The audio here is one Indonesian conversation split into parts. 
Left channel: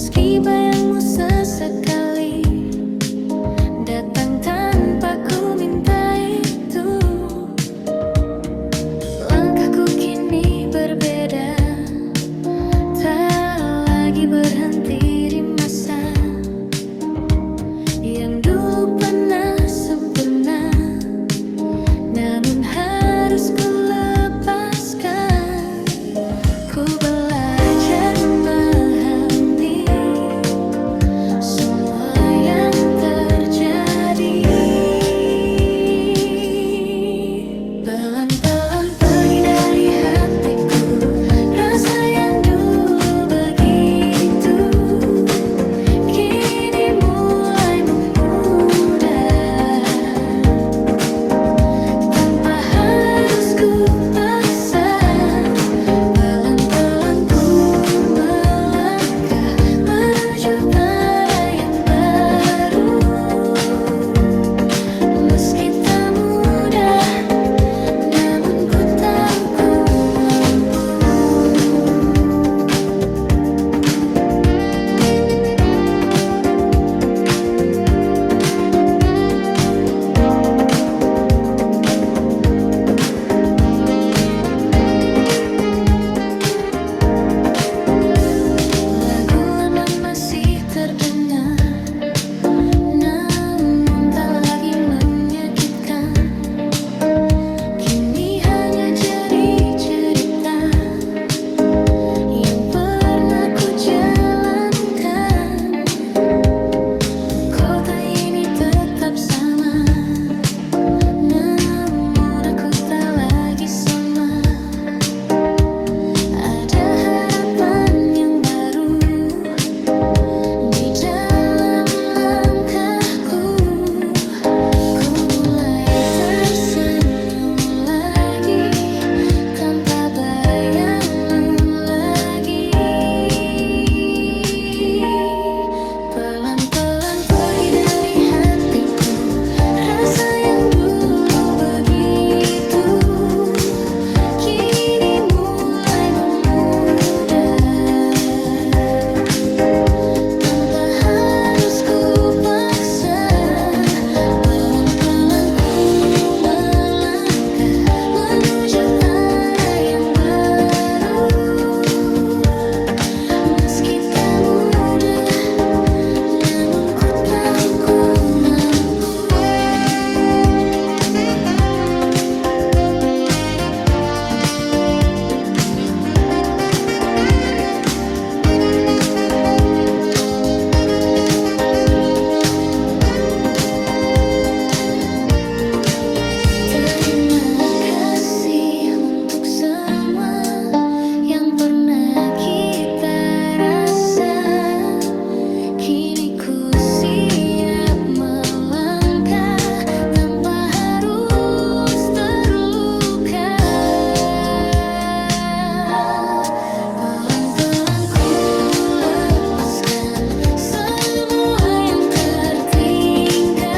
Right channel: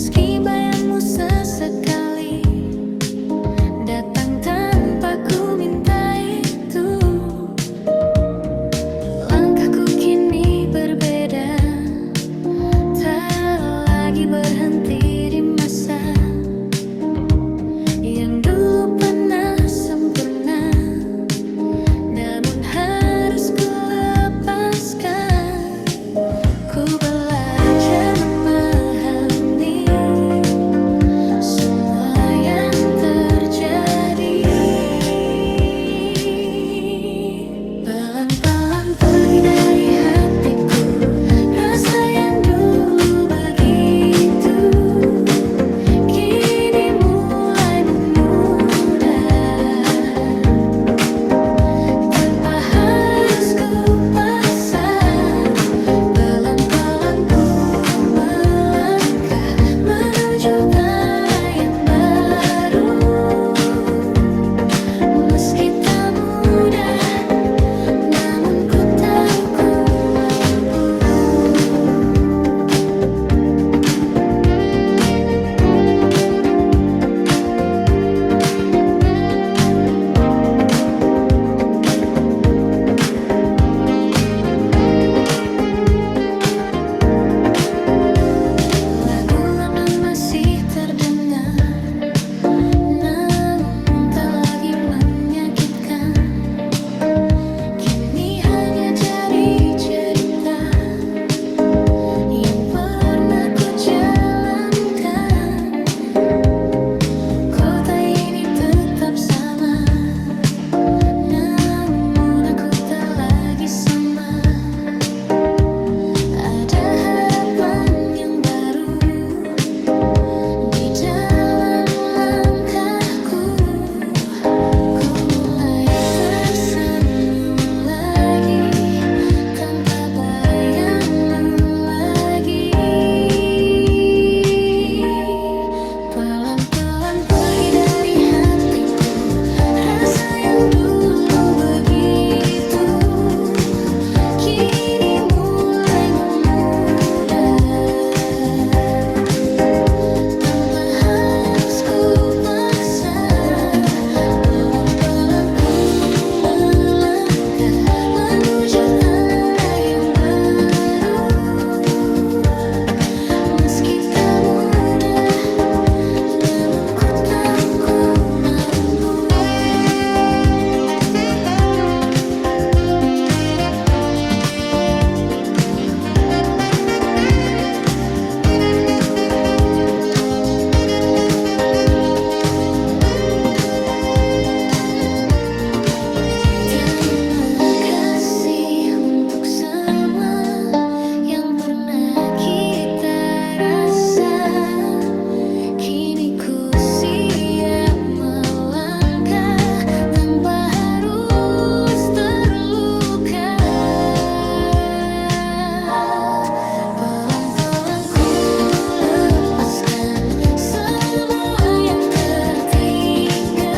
Meski bayangmu sesekali datang tanpa ku minta itu, langkahku kini berbeda, tak lagi berhenti di masa yang dulu pernah sempurna, namun harus ku lepaskan. Ku belajar memahami semua yang terjadi. Pelan-pelan pergi dari hatiku rasa yang dulu begitu, kini mulai memudar tanpa harus ku paksa. Pelan-pelan ku melangkah menuju arah yang baru, meski tak mudah, namun ku tahu ku mampu. Lagu lama masih terdengar, namun tak lagi menyakitkan. Kini hanya jadi cerita yang pernah ku jalankan. Kota ini tetap sama, namun aku tak lagi sama. Ada harapan yang baru di dalam langkahku. Ku mulai tersenyum lagi tanpa bayangmu lagi. Pelan-pelan pergi dari hatiku rasa yang dulu begitu, kini mulai memudar tanpa harus ku paksa. Pelan-pelan ku melangkah menuju arah yang baru, meski tak mudah, namun ku tahu ku mampu. Terima kasih untuk semua yang pernah kita rasa. Kini ku siap melangkah tanpa harus terluka. Pelan-pelan ku lepaskan semua yang tertinggal,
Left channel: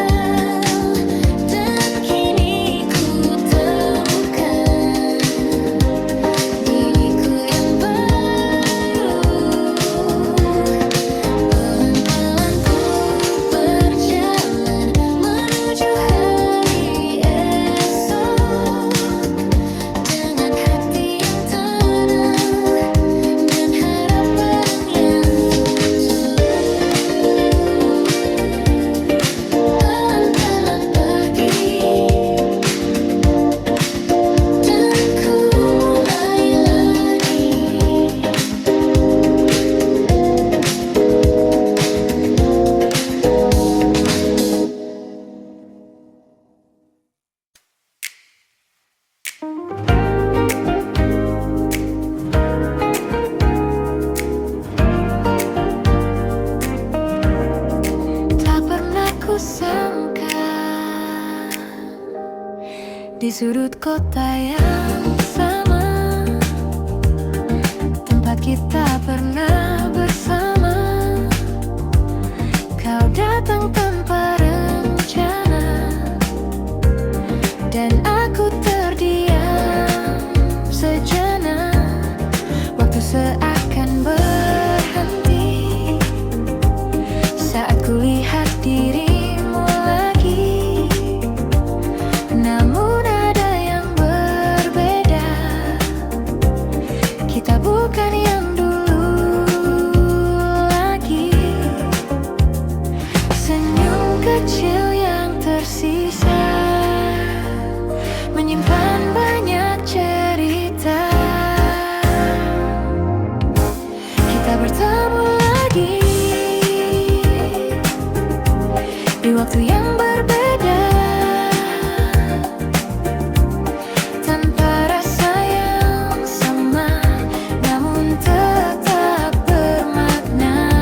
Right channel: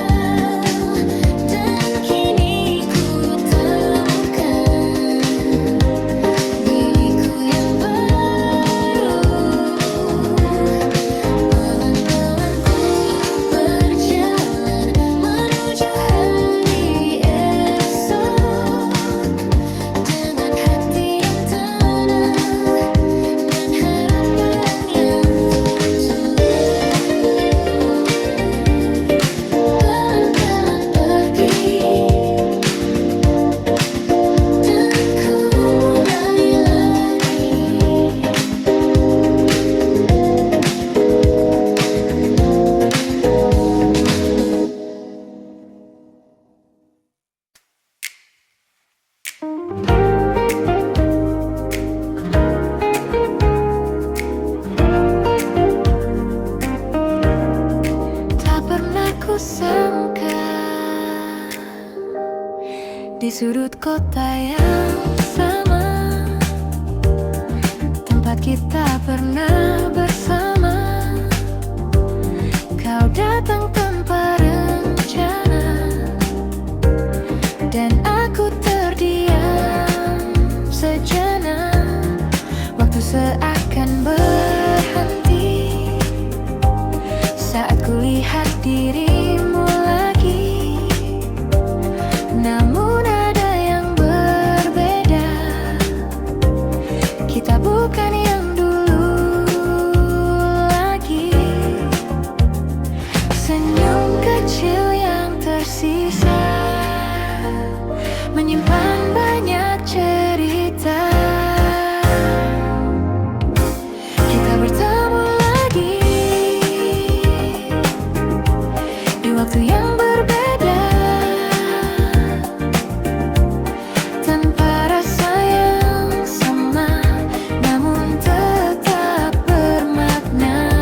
dan kini ku temukan diriku yang baru. Pelan-pelan ku berjalan menuju hari esok, dengan hati yang tenang dan harapan yang tulus. Pelan-pelan pergi dan ku mulai lagi. Tak pernah ku sangka di sudut kota yang sama, tempat kita pernah bersama, kau datang tanpa rencana, dan aku terdiam sejenak. Waktu seakan berhenti saat kulihat dirimu lagi. Namun ada yang berbeda, kita bukan yang dulu lagi. Senyum kecil yang tersisa menyimpan banyak cerita. Kita bertemu lagi di waktu yang berbeda, tanpa rasa yang sama, namun tetap bermakna.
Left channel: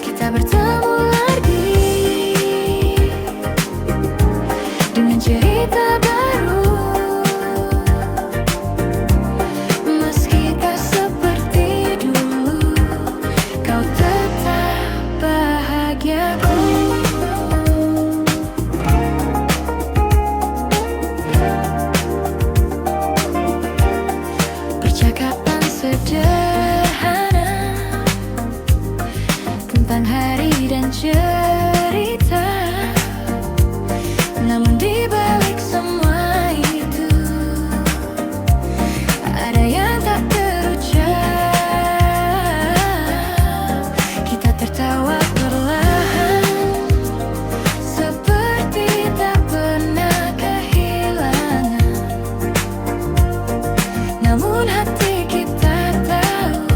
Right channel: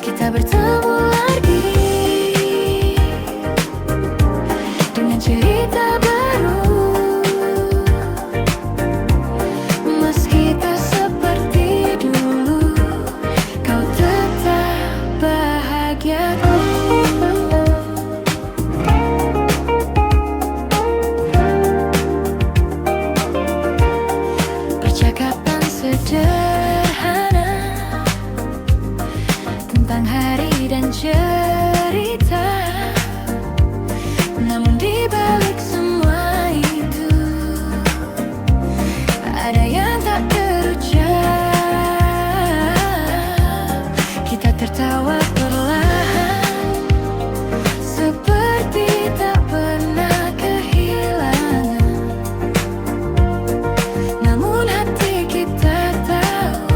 Kita bertemu lagi dengan cerita baru, meski tak seperti dulu, kau tetap bahagiaku. Percakapan sederhana tentang hari dan cerita, namun di balik semua itu ada yang tak terucap. Kita tertawa perlahan, seperti tak pernah kehilangan. Namun hati kita tahu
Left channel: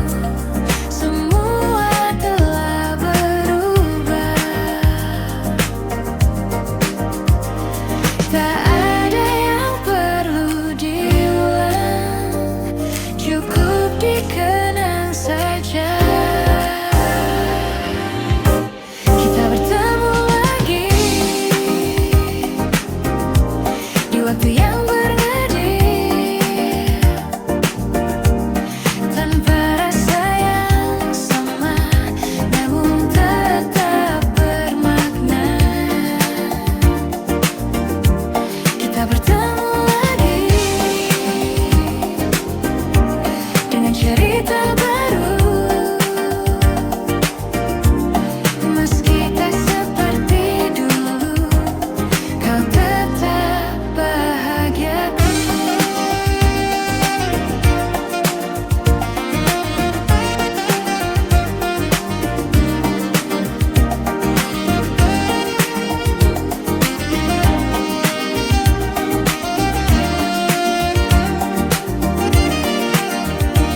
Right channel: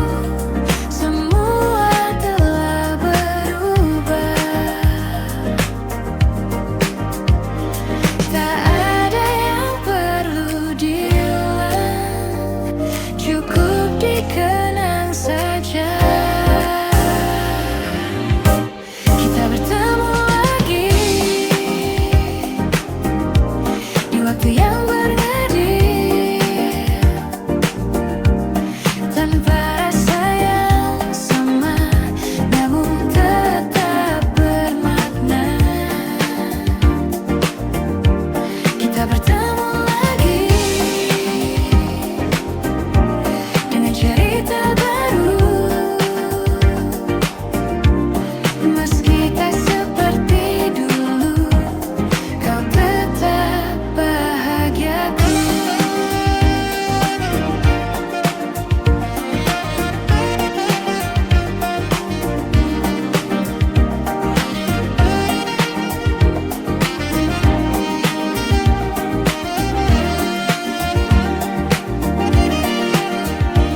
semua telah berubah. Tak ada yang perlu diulang, cukup dikenang saja. Kita bertemu lagi di waktu yang berngedip, tanpa rasa yang sama, namun tetap bermakna. Kita bertemu lagi dengan cerita baru, meski tak seperti dulu, kau tetap bahagiaku.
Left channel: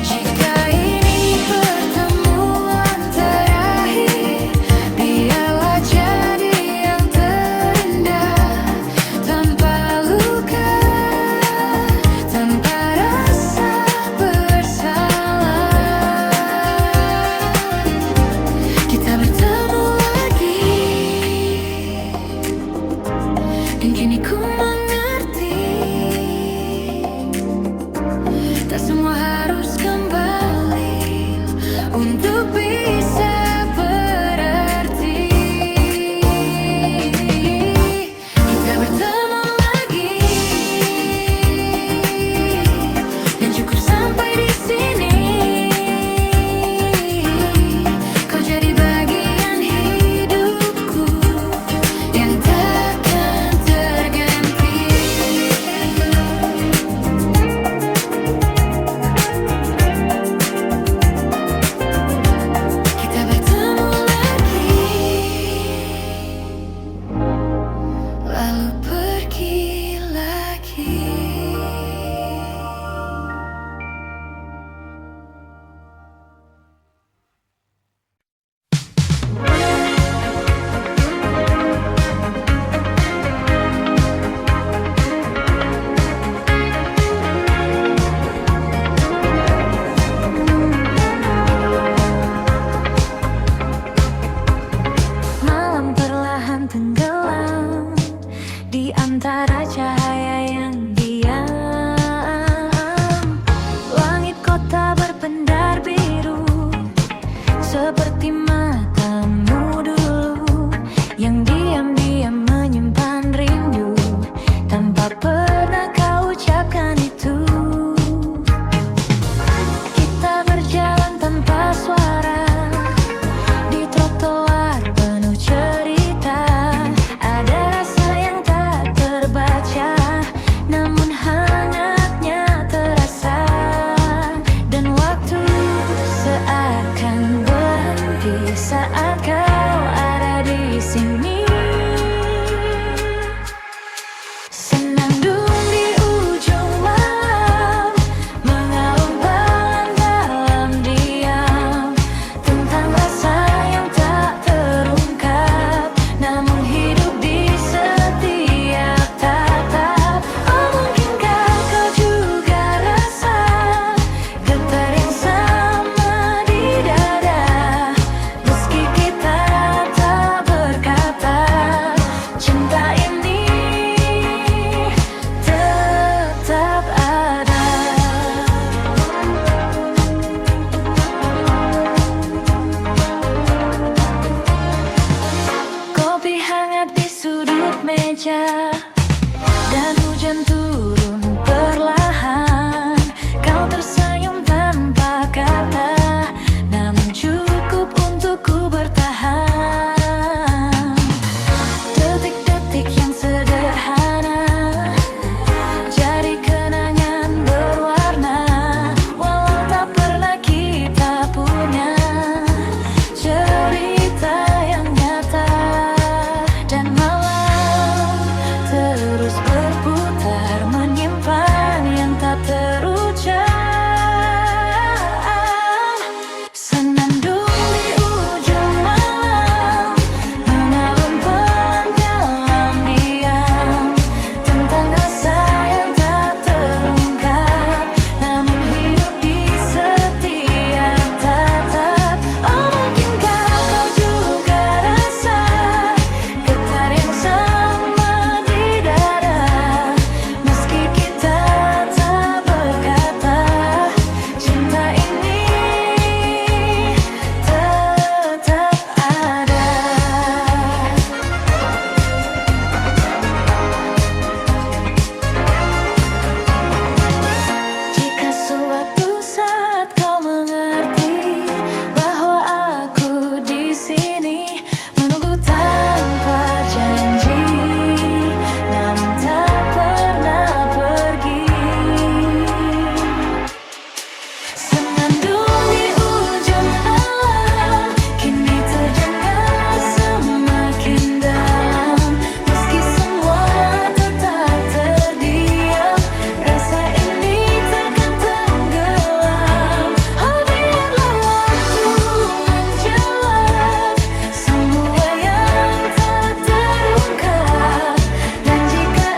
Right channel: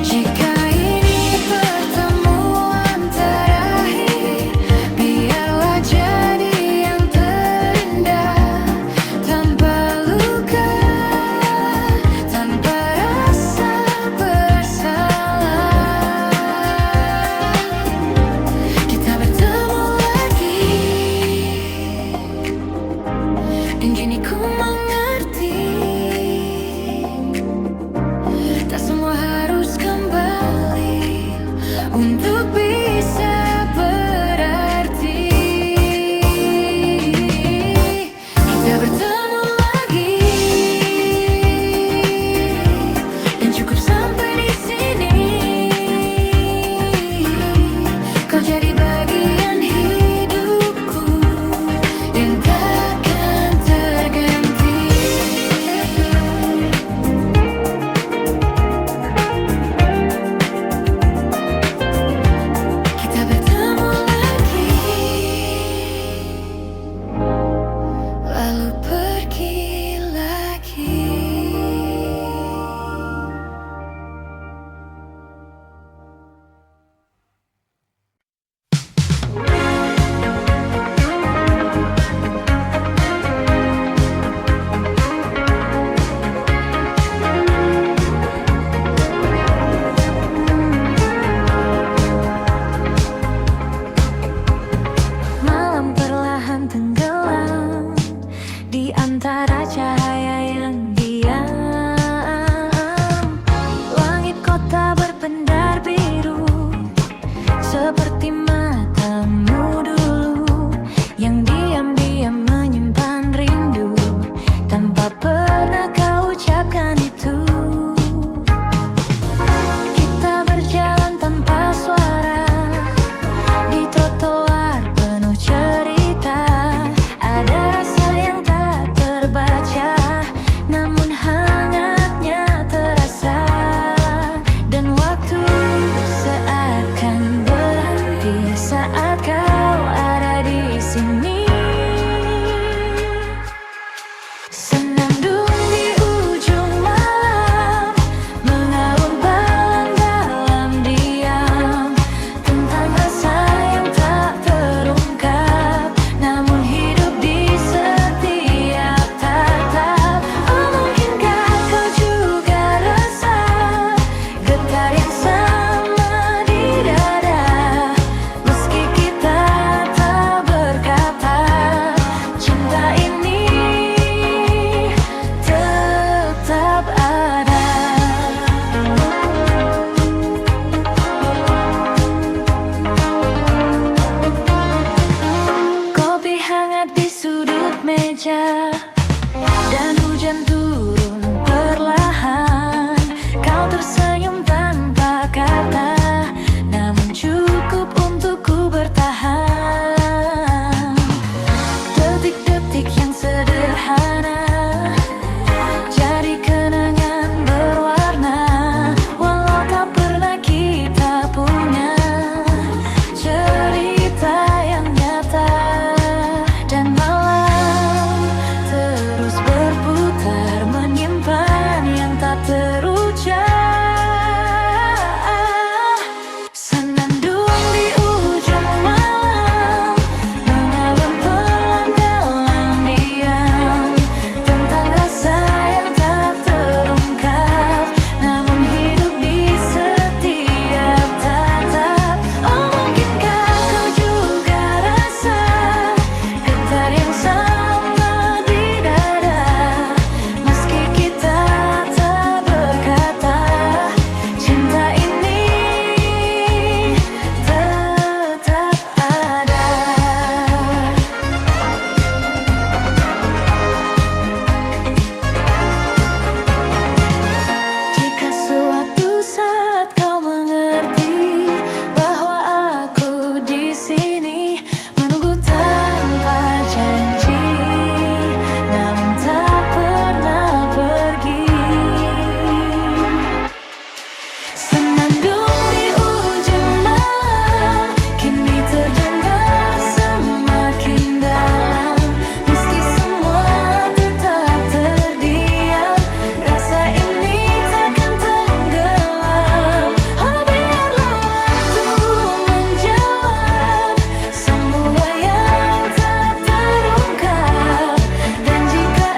Jika ini pertemuan terakhir, biarlah jadi yang terindah, tanpa luka, tanpa rasa bersalah. Kita bertemu lagi, dan kini ku mengerti, tak semua harus kembali untuk bisa berarti. Kita bertemu lagi, dan cukup sampai di sini. Kau jadi bagian hidupku yang takkan terganti. Kita bertemu lagi, lalu pergi lagi. Malam perlahan tenggelam di antara cahaya yang diam. Langit kota berpendar biru, seperti matamu dulu yang diam-diam menyimpan rindu, tanpa pernah kau ucapkan itu. Kita berjalan tanpa suara, di saat kau ada di sini. Senandung di ujung malam, mengalun balan dalam diam, tentang rasa yang tak terungkap, namun hidup di setiap tatap. Oh, mungkinkah kau juga rasa getar yang sama di dada, meski kita tak berkata, cinta ini tetap ada. Kopi hangat di sudut meja, dan hujan turun perlahan. Kau tersenyum tanpa kata, namun cukup untukku bertahan. Detik-detik yang sederhana jadi kenangan berwarna, walau tak pernah kita punya cerita yang nyata. Dan malam terus berputar, menyimpan yang tak terucap. Senandung di ujung malam, mengalun pelan dalam diam, tentang rasa yang tak terungkap, namun hidup di setiap tatap. Oh, mungkinkah kau juga rasa getar yang sama di dada, meski kita tak berkata, cinta ini tetap ada. Jika suatu saat kau mengerti bahwa aku di sini, menunggu tanpa janji, namun tak pernah pergi. Senandung di ujung malam, kini terdengar semakin dalam, meski semua tetap terdiam, rasa ini takkan tenggelam. Oh, biarlah waktu menjawab semua yang tak terungkap, dan jika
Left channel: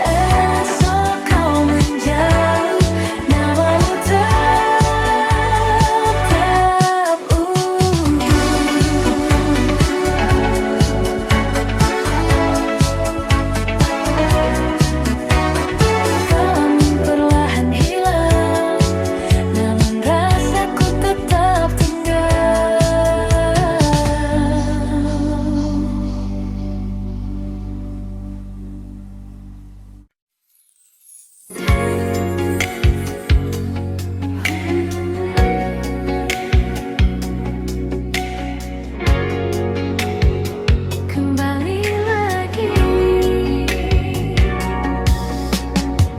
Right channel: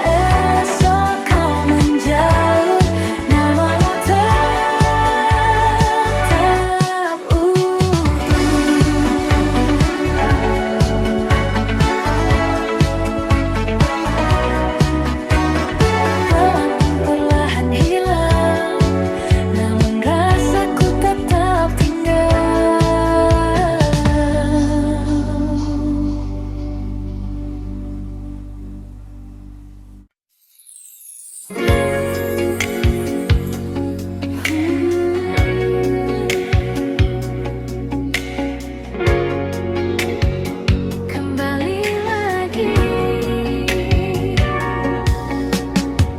esok kau menjauh, namamu tetap utuh. Gelang perlahan hilang, namun rasaku tetap tinggal. Kembali lagi,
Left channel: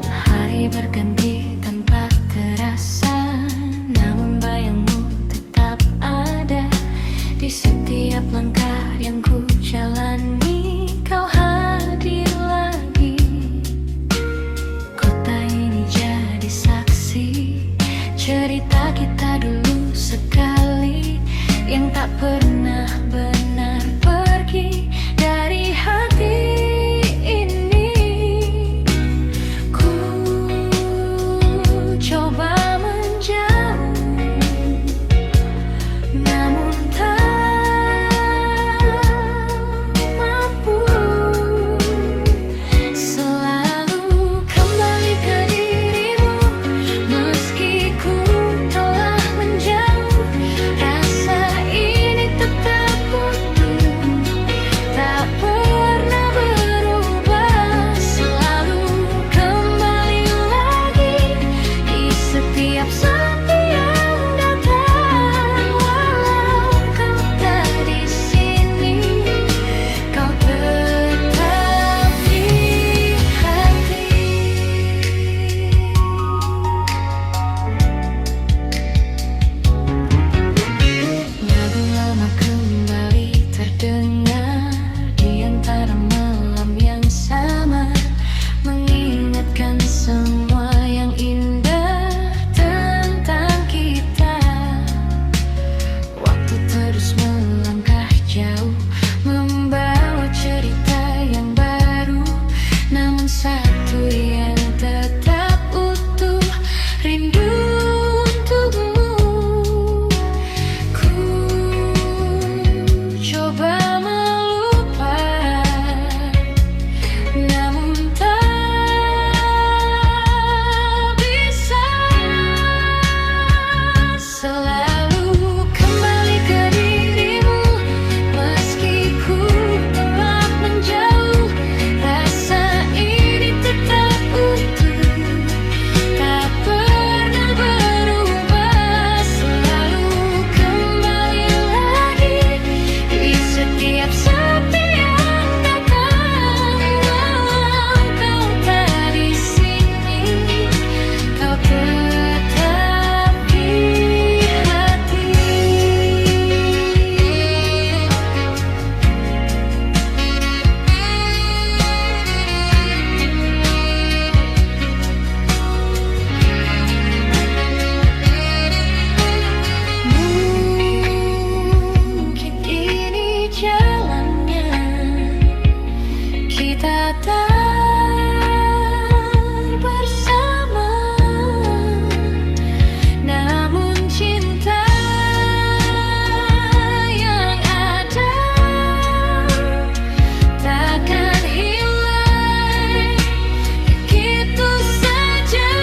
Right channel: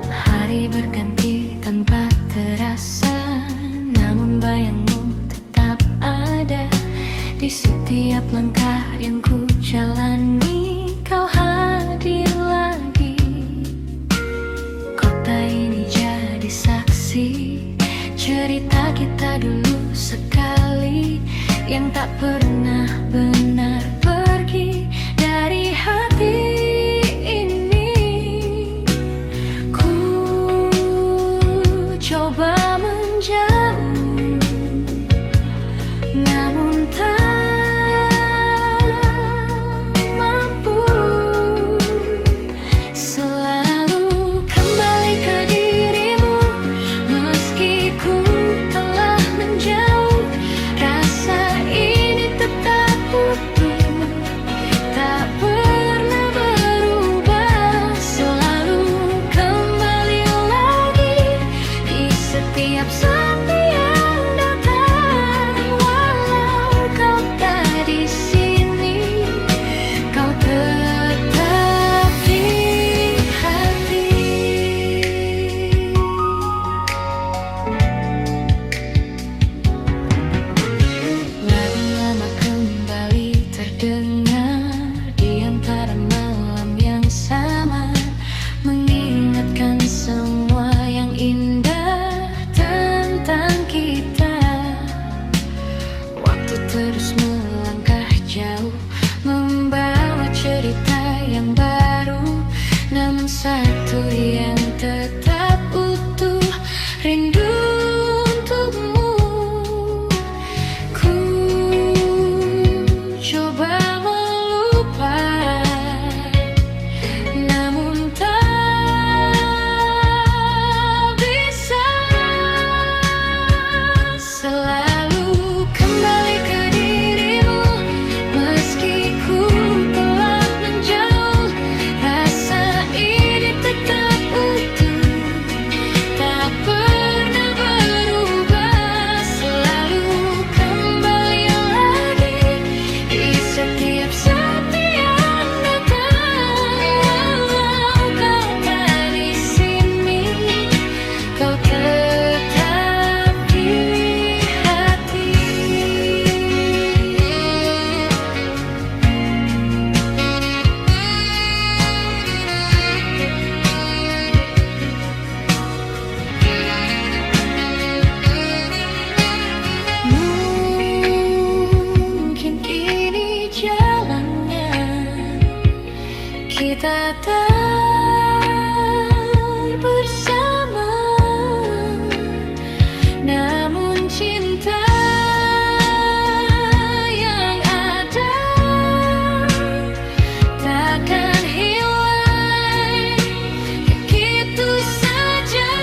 hari berganti tanpa terasa, namun bayangmu tetap ada di setiap langkah yang ku jalani. Kau hadir lagi, kota ini jadi saksi cerita kita dulu sekali, yang tak pernah benar pergi dari hati ini. Ku coba menjauh, namun tak mampu. Selalu kembali ke dirimu, meski ku telah menjauh, rasa ini tetap utuh. Tiap sepi yang datang, walau kau tak di sini, kau tetap di hati. Mungkin ini jalannya, kita tak bersama, namun cinta yang ada takkan hilang begitu saja.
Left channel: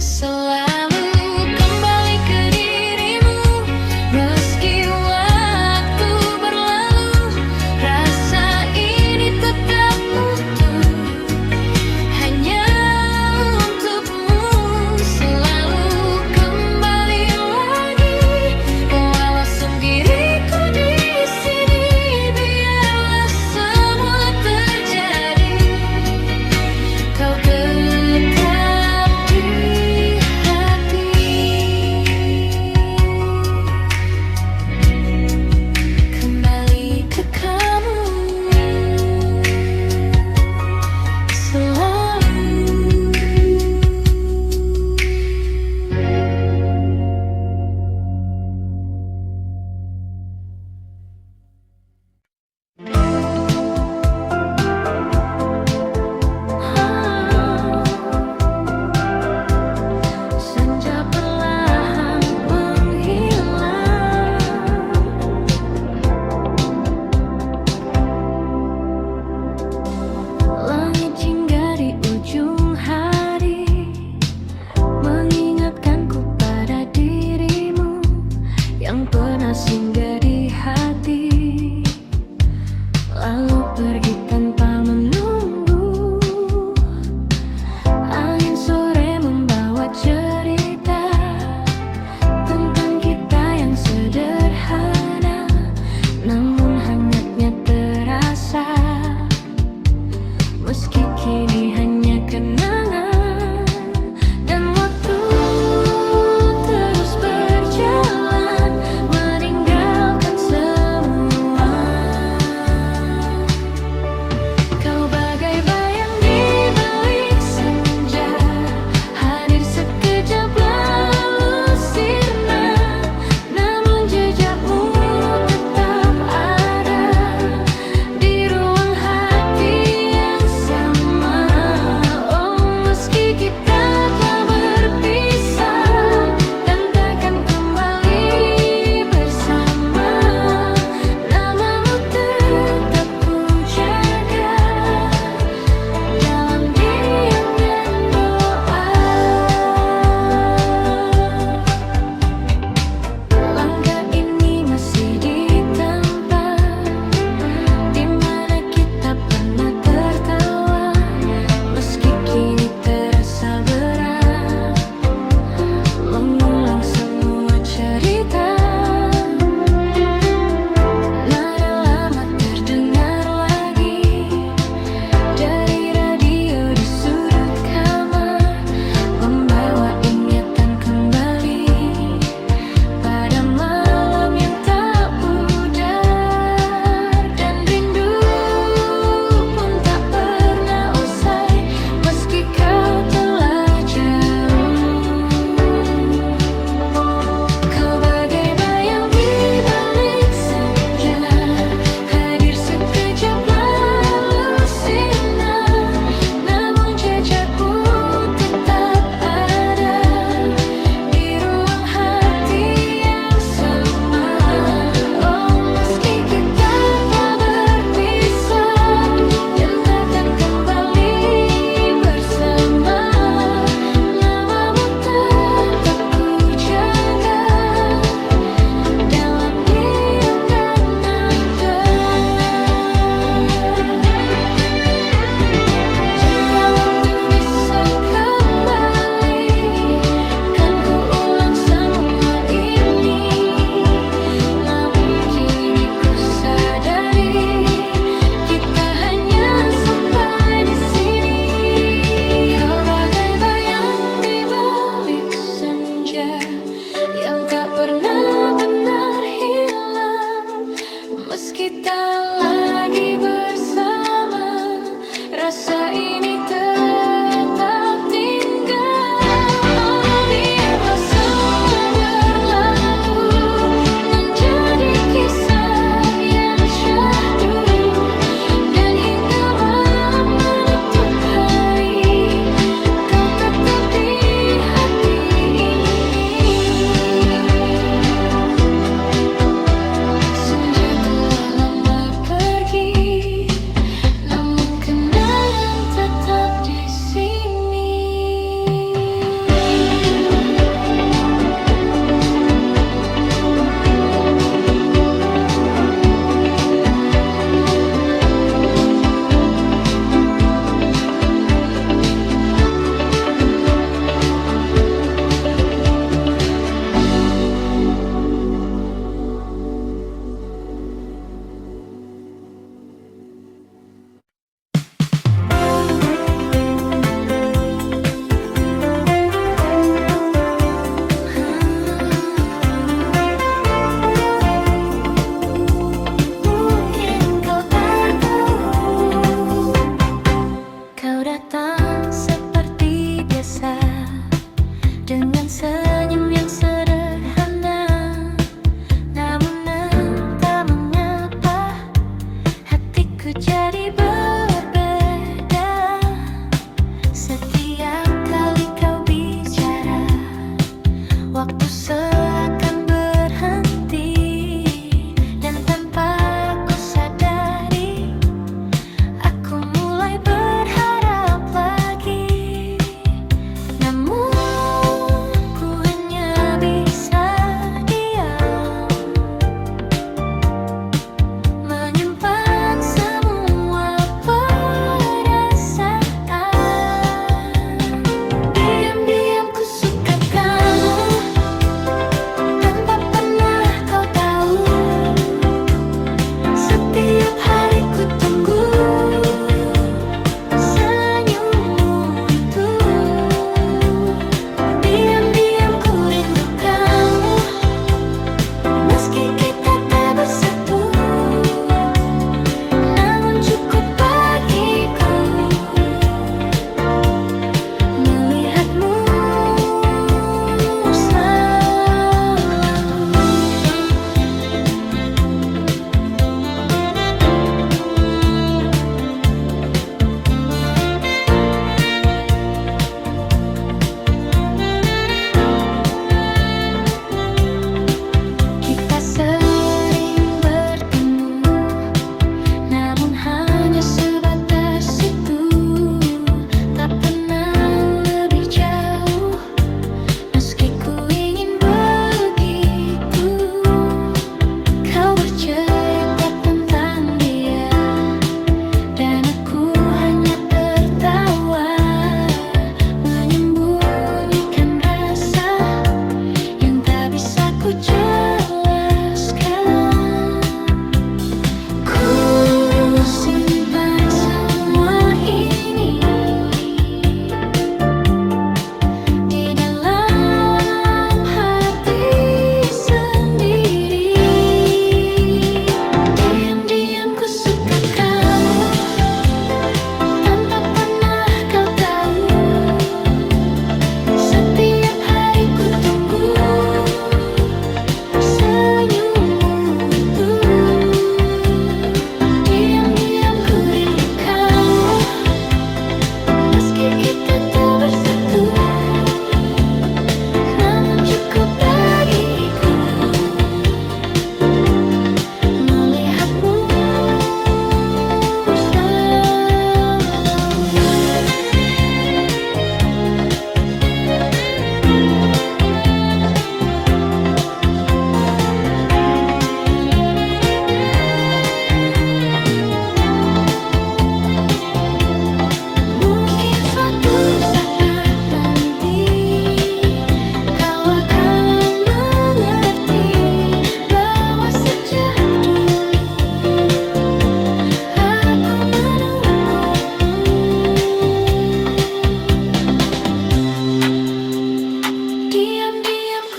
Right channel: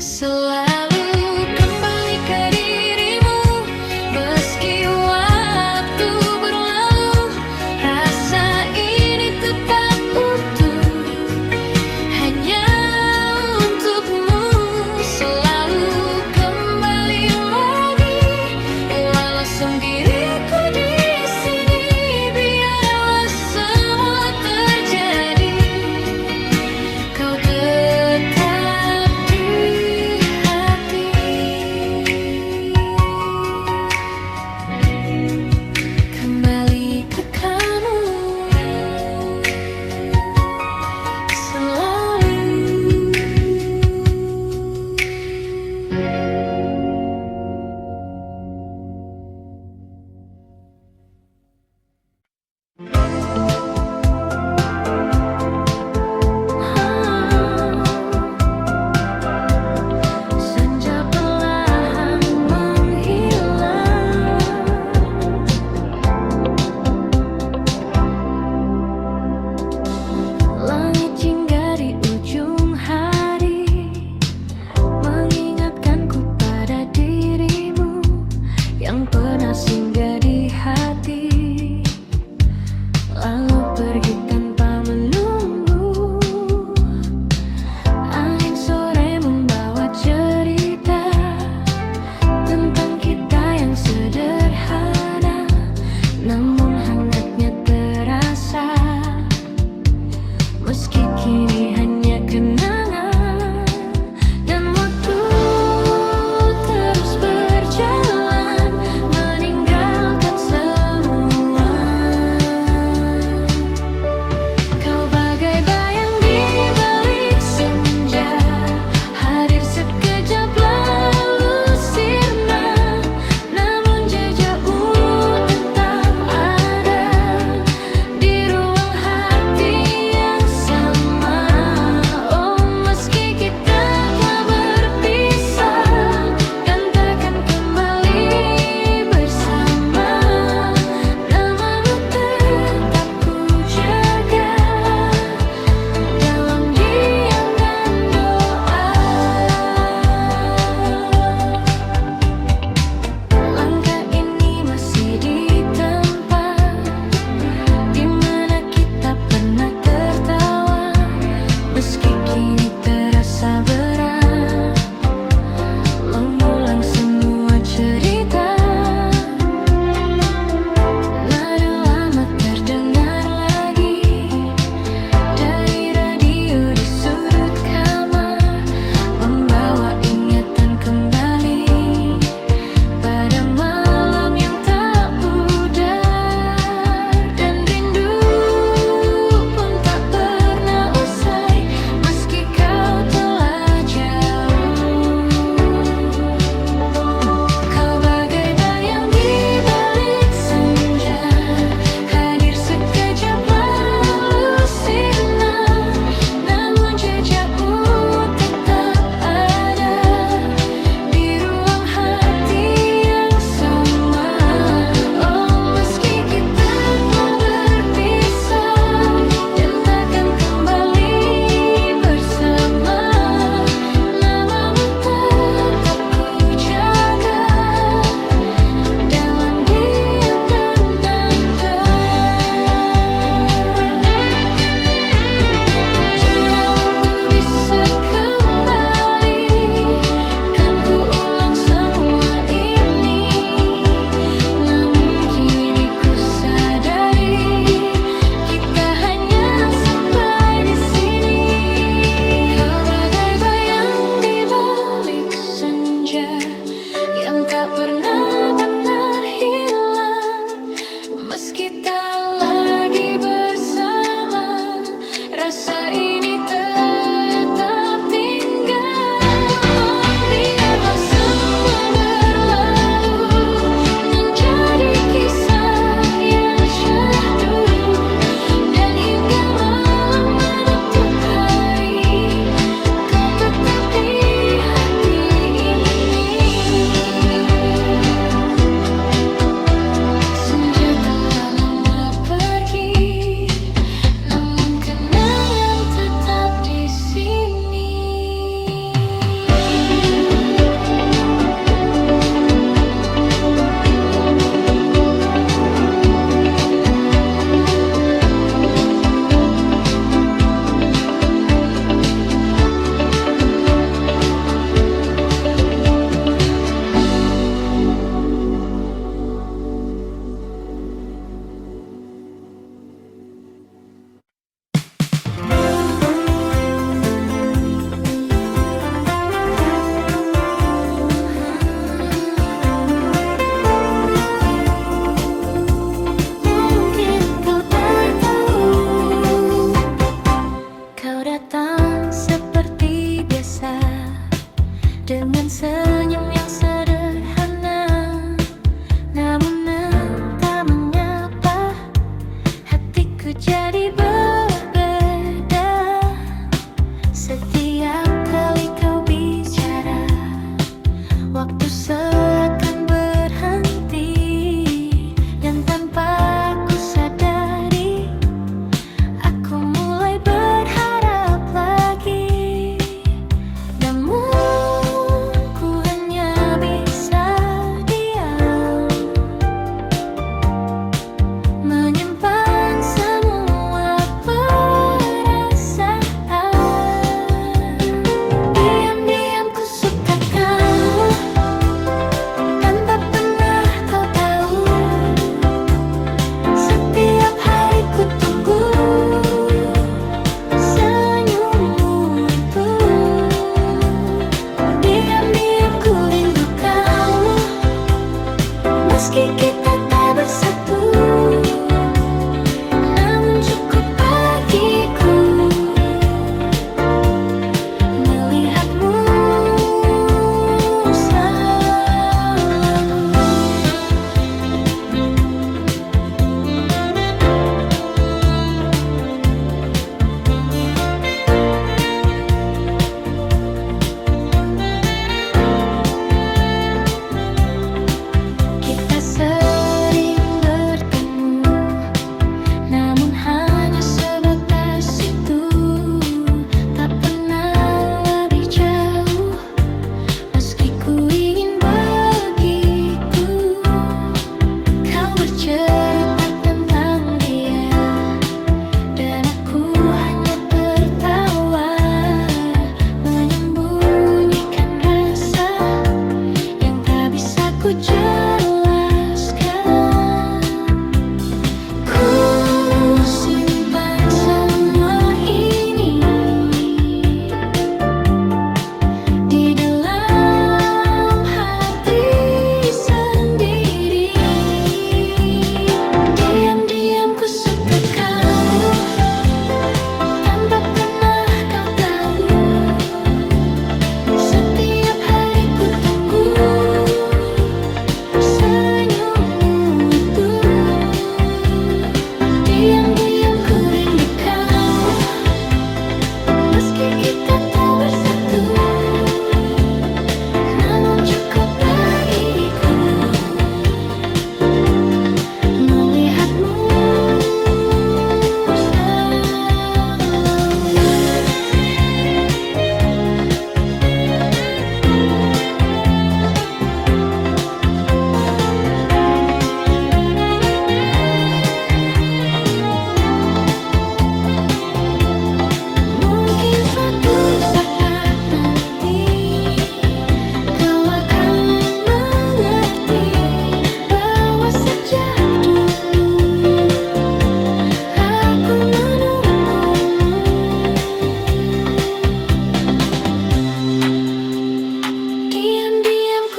Selalu kembali ke dirimu, meski waktu berlalu, rasa ini tetap utuh, hanya untukmu. Selalu kembali lagi, walau sendiriku di sini, biarlah semua terjadi, kau tetap di hati. Kembali ke kamu selalu. Senja perlahan menghilang, langit hingga di ujung hari mengingatkanku pada dirimu yang pernah singgah di hati, lalu pergi tanpa menunggu. Angin sore membawa cerita tentang kita yang sederhana, namun hangatnya terasa, meski kini hanya kenangan. Dan waktu terus berjalan, meninggalkan semua. Kau bagai bayang di balik senja, hadir sekejap lalu sirna, namun jejakmu tetap ada di ruang hati yang sama. Oh, meski kita telah berpisah dan takkan kembali bersama, namamu tetap ku jaga dalam diam dan doa. Langkah ini masih di tempat di mana kita pernah tertawa, meski kini terasa berat mengulang semua cerita. Nada lama terdengar lagi dari radio di sudut kamar, membawa ingatan kembali pada malam yang tak pudar. Dan rindu pun tak pernah usai, meski kau telah jauh. Kau saja yang tak pernah benar hilang. Meski tak lagi bersama, rasa ini tetap tinggal. Oh, biarlah semua berlalu menjadi kisah yang syahdu, dan hingga malam menutup hari, kau tetap di hati ini. Senja telah lama pergi, namun kenangan tetap di sini. Mungkin kau tak tahu, kau datang seperti biasa dengan senyum yang sederhana. Namun entah mengapa hatiku jadi berbeda. Setiap kali kau bicara, waktu seakan berhenti, dan tanpa ku sadari, aku mulai berharap lagi. Namun ku hanya bisa diam, menyimpan semua perasaan. Diam-diam ku suka kamu, tanpa pernah kau tahu. Setiap hari ku tunggu senyummu itu. Diam-diam ku rindu kamu, meski kita tak bersatu. Namun cukup bagiku melihatmu selalu. Kita sering bertemu, namun hanya sebatas itu. Tak pernah lebih jauh, meski ku ingin begitu. Kau bercerita tentang dia, dan aku hanya tertawa, menyembunyikan rasa yang tak bisa ku jelaskan. Ku simpan semua ini di dalam hati sendiri. Diam-diam ku suka kamu, tanpa pernah kau tahu. Setiap hari ku tunggu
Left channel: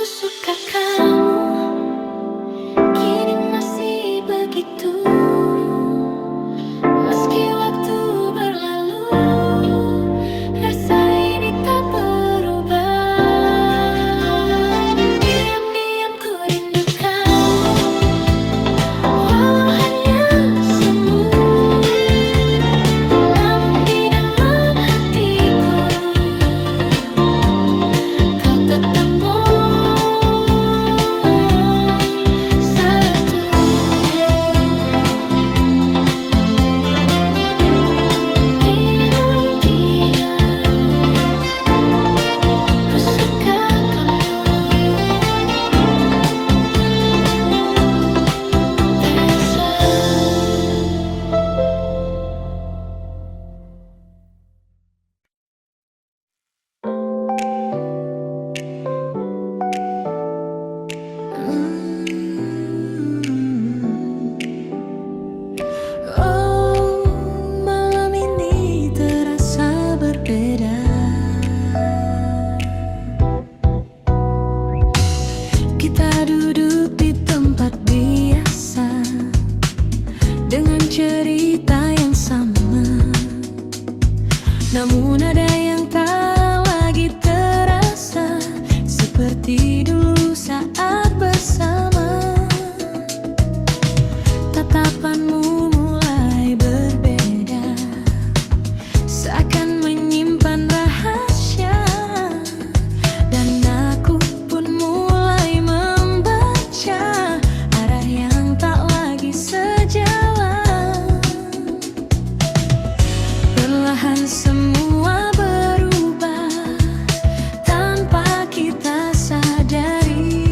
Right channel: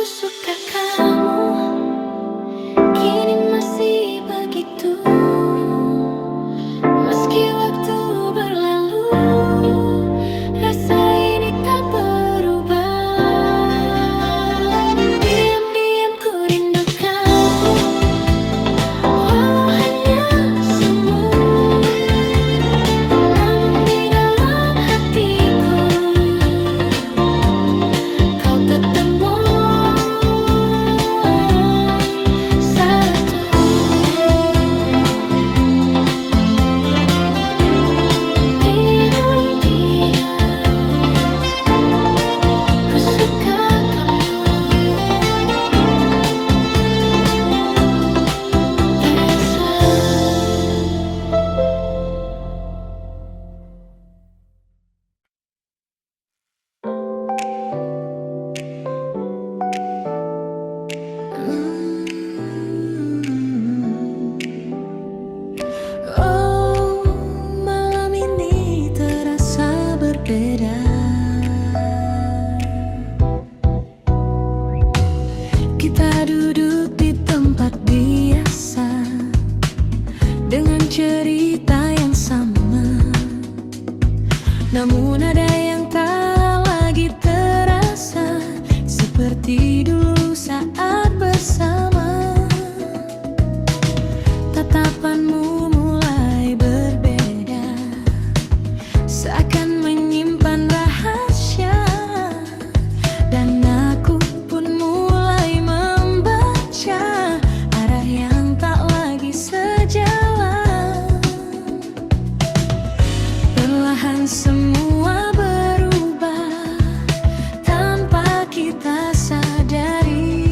suka kamu, kini masih begitu. Meski waktu berlalu, rasa ini tak berubah. Diam-diam ku rindu kamu, walau hanya semu. Namun di dalam hatiku, kau tetap satu. Ku suka kamu, Aisyah. Oh, malam ini terasa berbeda. Kita duduk di tempat biasa dengan cerita yang sama, namun ada yang tak lagi terasa seperti dulu saat bersama. Tatapanmu mulai berbeda, seakan menyimpan rahasia, dan aku pun mulai membaca arah yang tak lagi sejalan. Perlahan semua berubah tanpa kita sadari.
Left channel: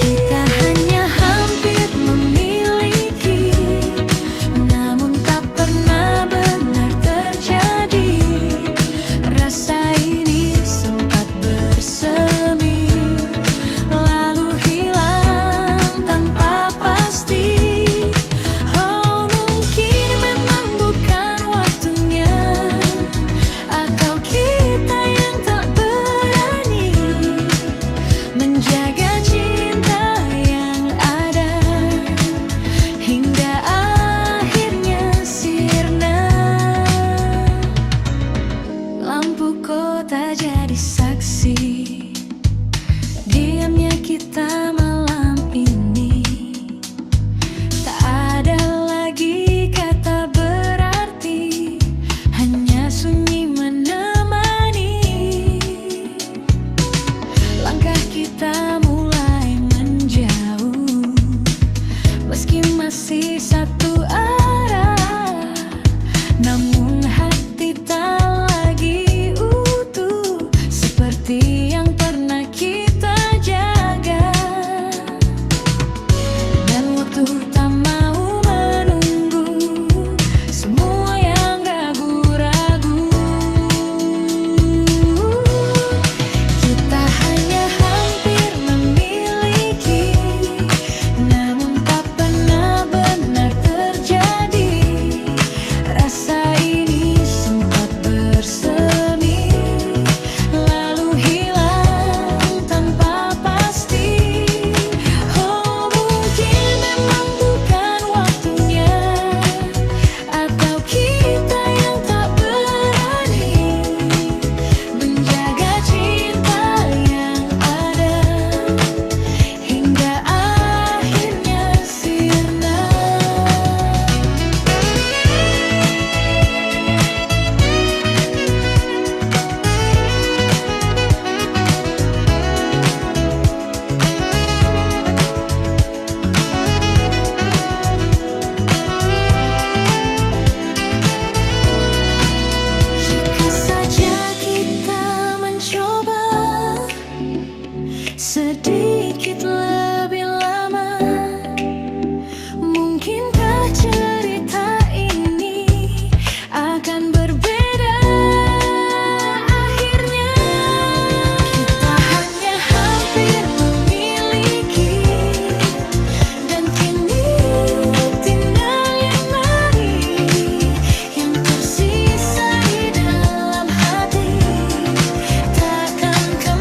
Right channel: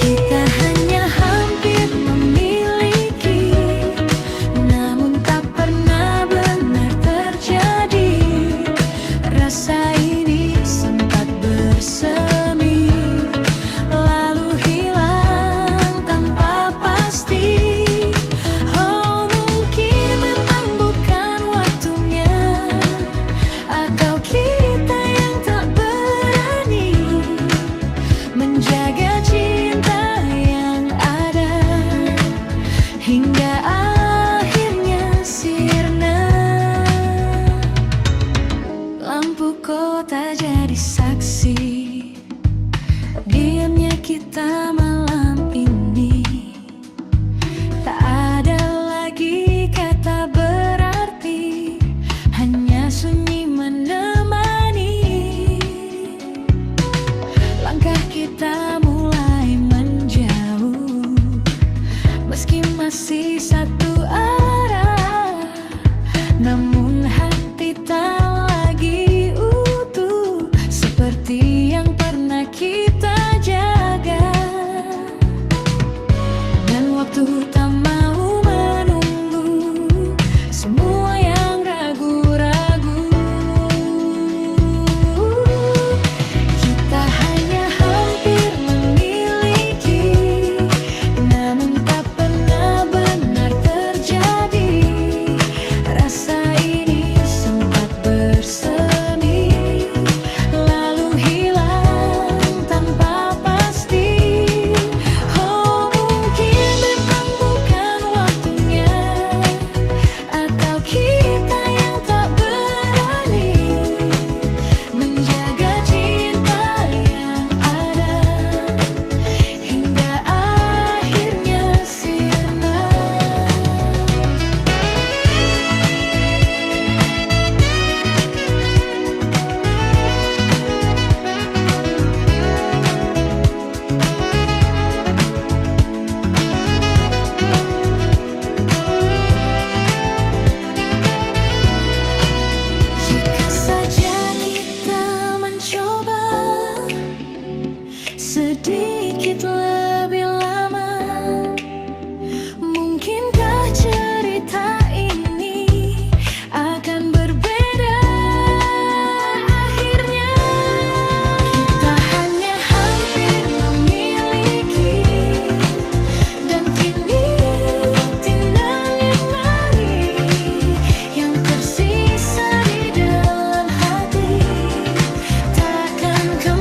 Kita hanya hampir memiliki, namun tak pernah benar terjadi. Rasa ini sempat bersemi, lalu hilang tanpa pasti. Oh, mungkin memang bukan waktunya, atau kita yang tak berani menjaga cinta yang ada hingga akhirnya sirna. Lampu kota jadi saksi diamnya kita malam ini. Tak ada lagi kata berarti, hanya sunyi menemani. Langkah kita mulai menjauh, meski masih satu arah, namun hati tak lagi utuh seperti yang pernah kita jaga. Dan waktu tak mau menunggu semua yang ragu-ragu. Kita hanya hampir memiliki, namun tak pernah benar terjadi. Rasa ini sempat bersemi, lalu hilang tanpa pasti. Oh, mungkin memang bukan waktunya, atau kita yang tak berani menjaga cinta yang ada hingga akhirnya sirna. Jika saja kita mencoba sedikit lebih lama, mungkinkah cerita ini akan berbeda akhirnya. Kita hanya hampir memiliki, dan kini tinggal yang mari yang tersisa di dalam hati. Takkan kau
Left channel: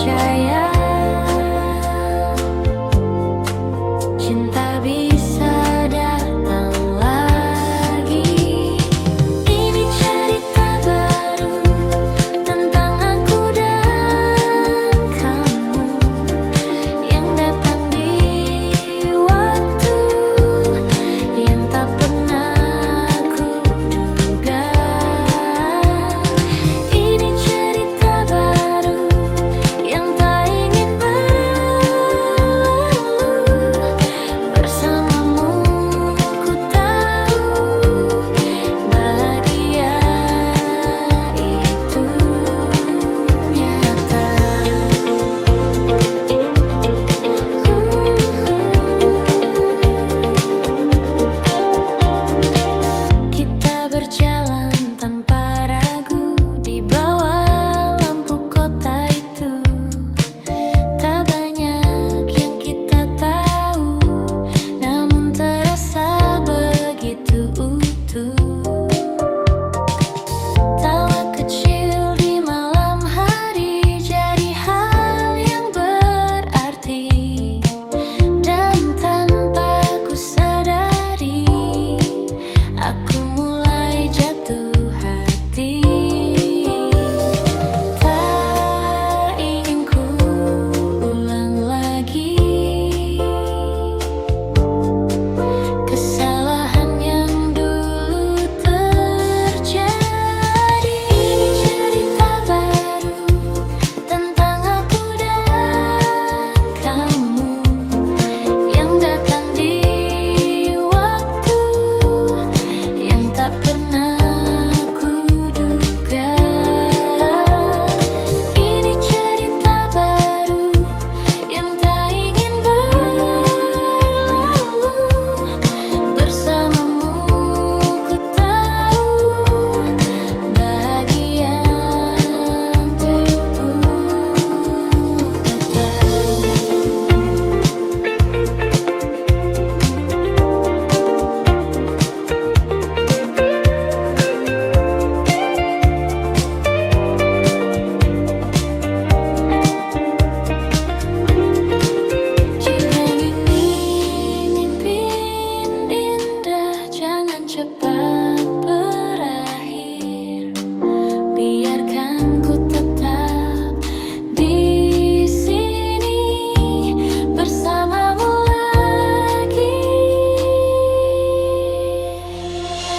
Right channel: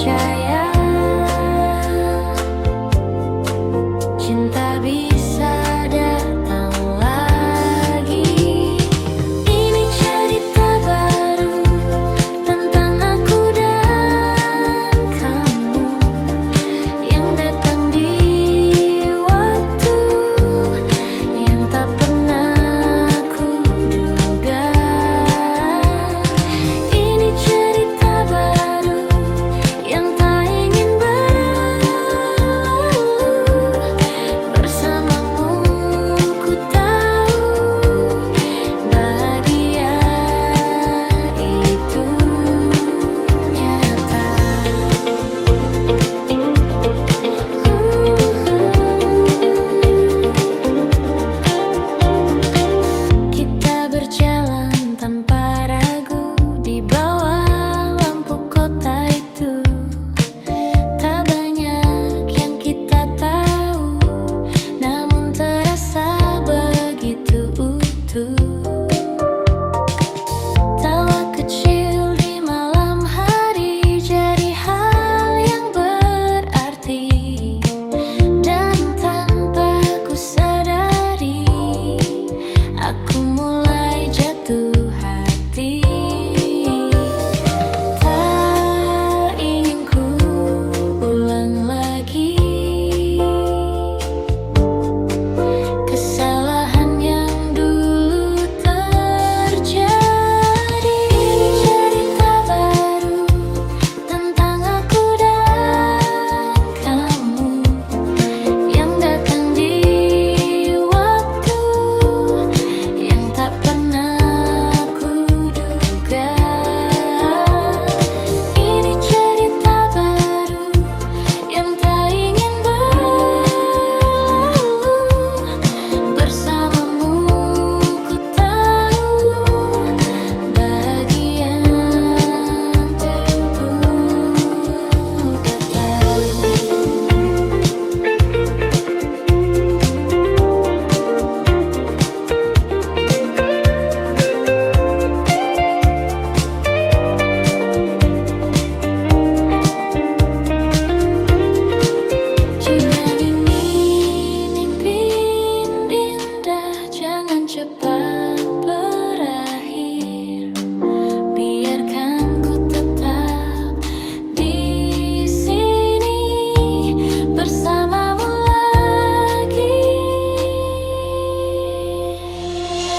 percaya cinta bisa datang lagi. Ini cerita baru tentang aku dan kamu yang datang di waktu yang tak pernah aku duga. Ini cerita baru yang tak ingin berlalu. Bersamamu ku tahu bahagia itu nyata. Kita berjalan tanpa ragu di bawah lampu kota itu. Tak banyak yang kita tahu, namun terasa begitu utuh. Tawa kecil di malam hari jadi hal yang berarti, dan tanpa ku sadari aku mulai jatuh hati. Tak ingin ku ulang lagi kesalahan yang dulu terjadi. Ini cerita baru tentang aku dan kamu yang datang di waktu yang tak pernah aku duga. Ini cerita baru yang tak ingin berlalu. Bersamamu ku tahu bahagia itu datang. Jangan ini mimpi indah, jangan cepat berakhir. Biarkan ku tetap di sini bersamamu lagi.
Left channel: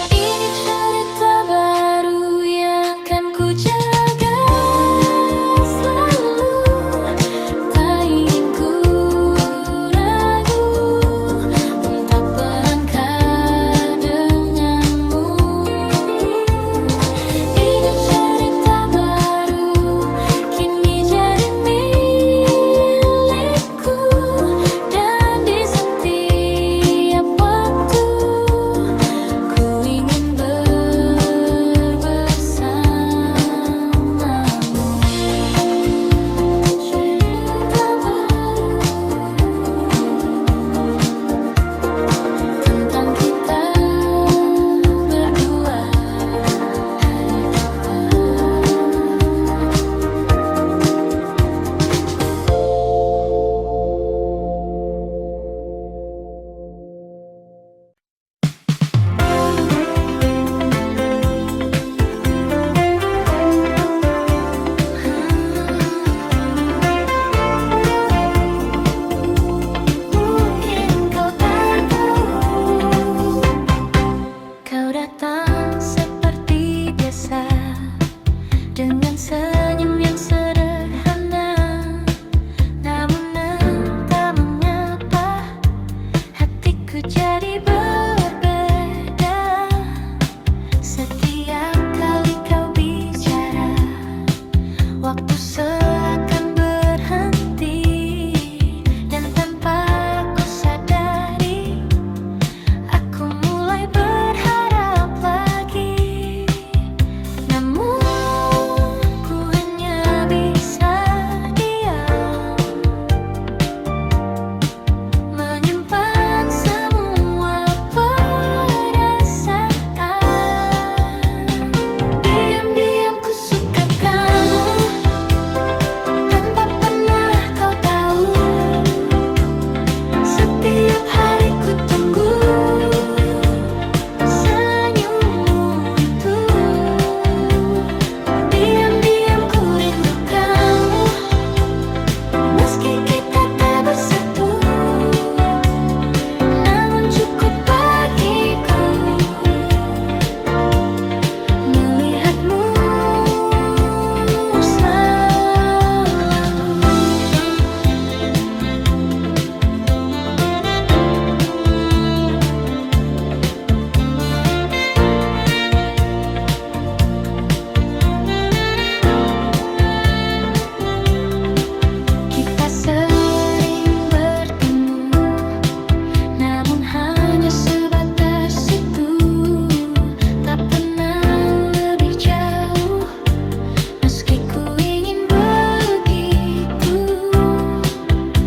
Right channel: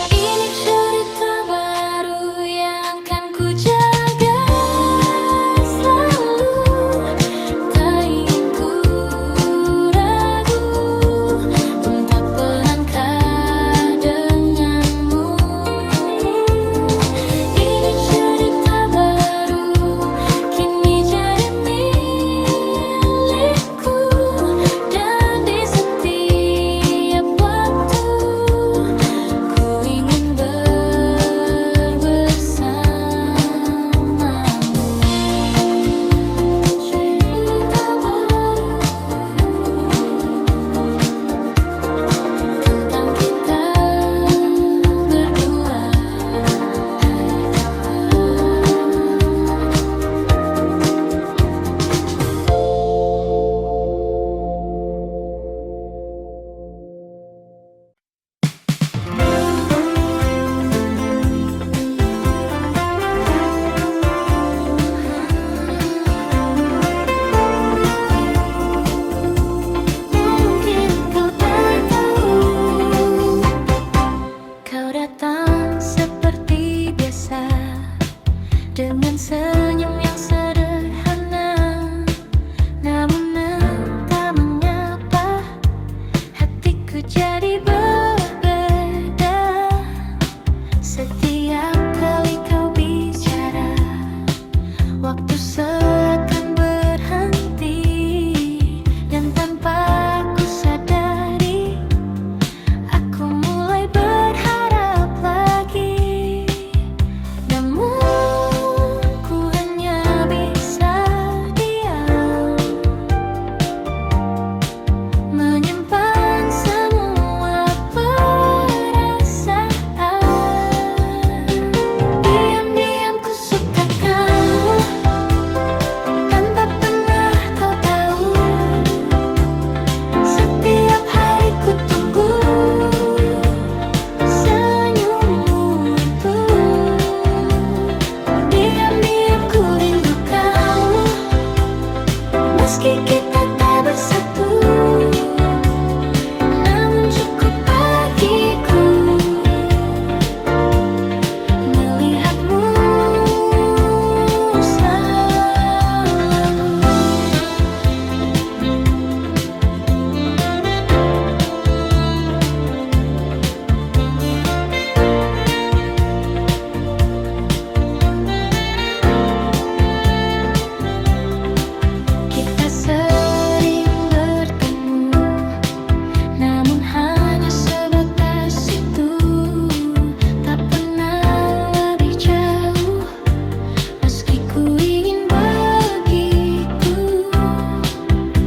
Ini cerita baru yang akan ku jaga selalu. Tak ingin ku ragu untuk melangkah denganmu. Ini cerita baru kini jadi milikku, dan di setiap waktu ku ingin bersamamu. Cerita baru tentang kita berdua, hai Papa. Mungkin kau tak tahu, kau datang seperti biasa dengan senyum yang sederhana, namun entah mengapa hatiku jadi berbeda. Setiap kali kau bicara, waktu seakan berhenti, dan tanpa ku sadari aku mulai berharap lagi. Namun ku hanya bisa diam, menyimpan semua perasaan. Diam-diam ku suka kamu, Meski kita tak bersatu, namun cukup bagiku melihatmu selalu. Kita sering bertemu, namun hanya sebatas itu. Tak pernah lebih jauh, meski ku ingin begitu.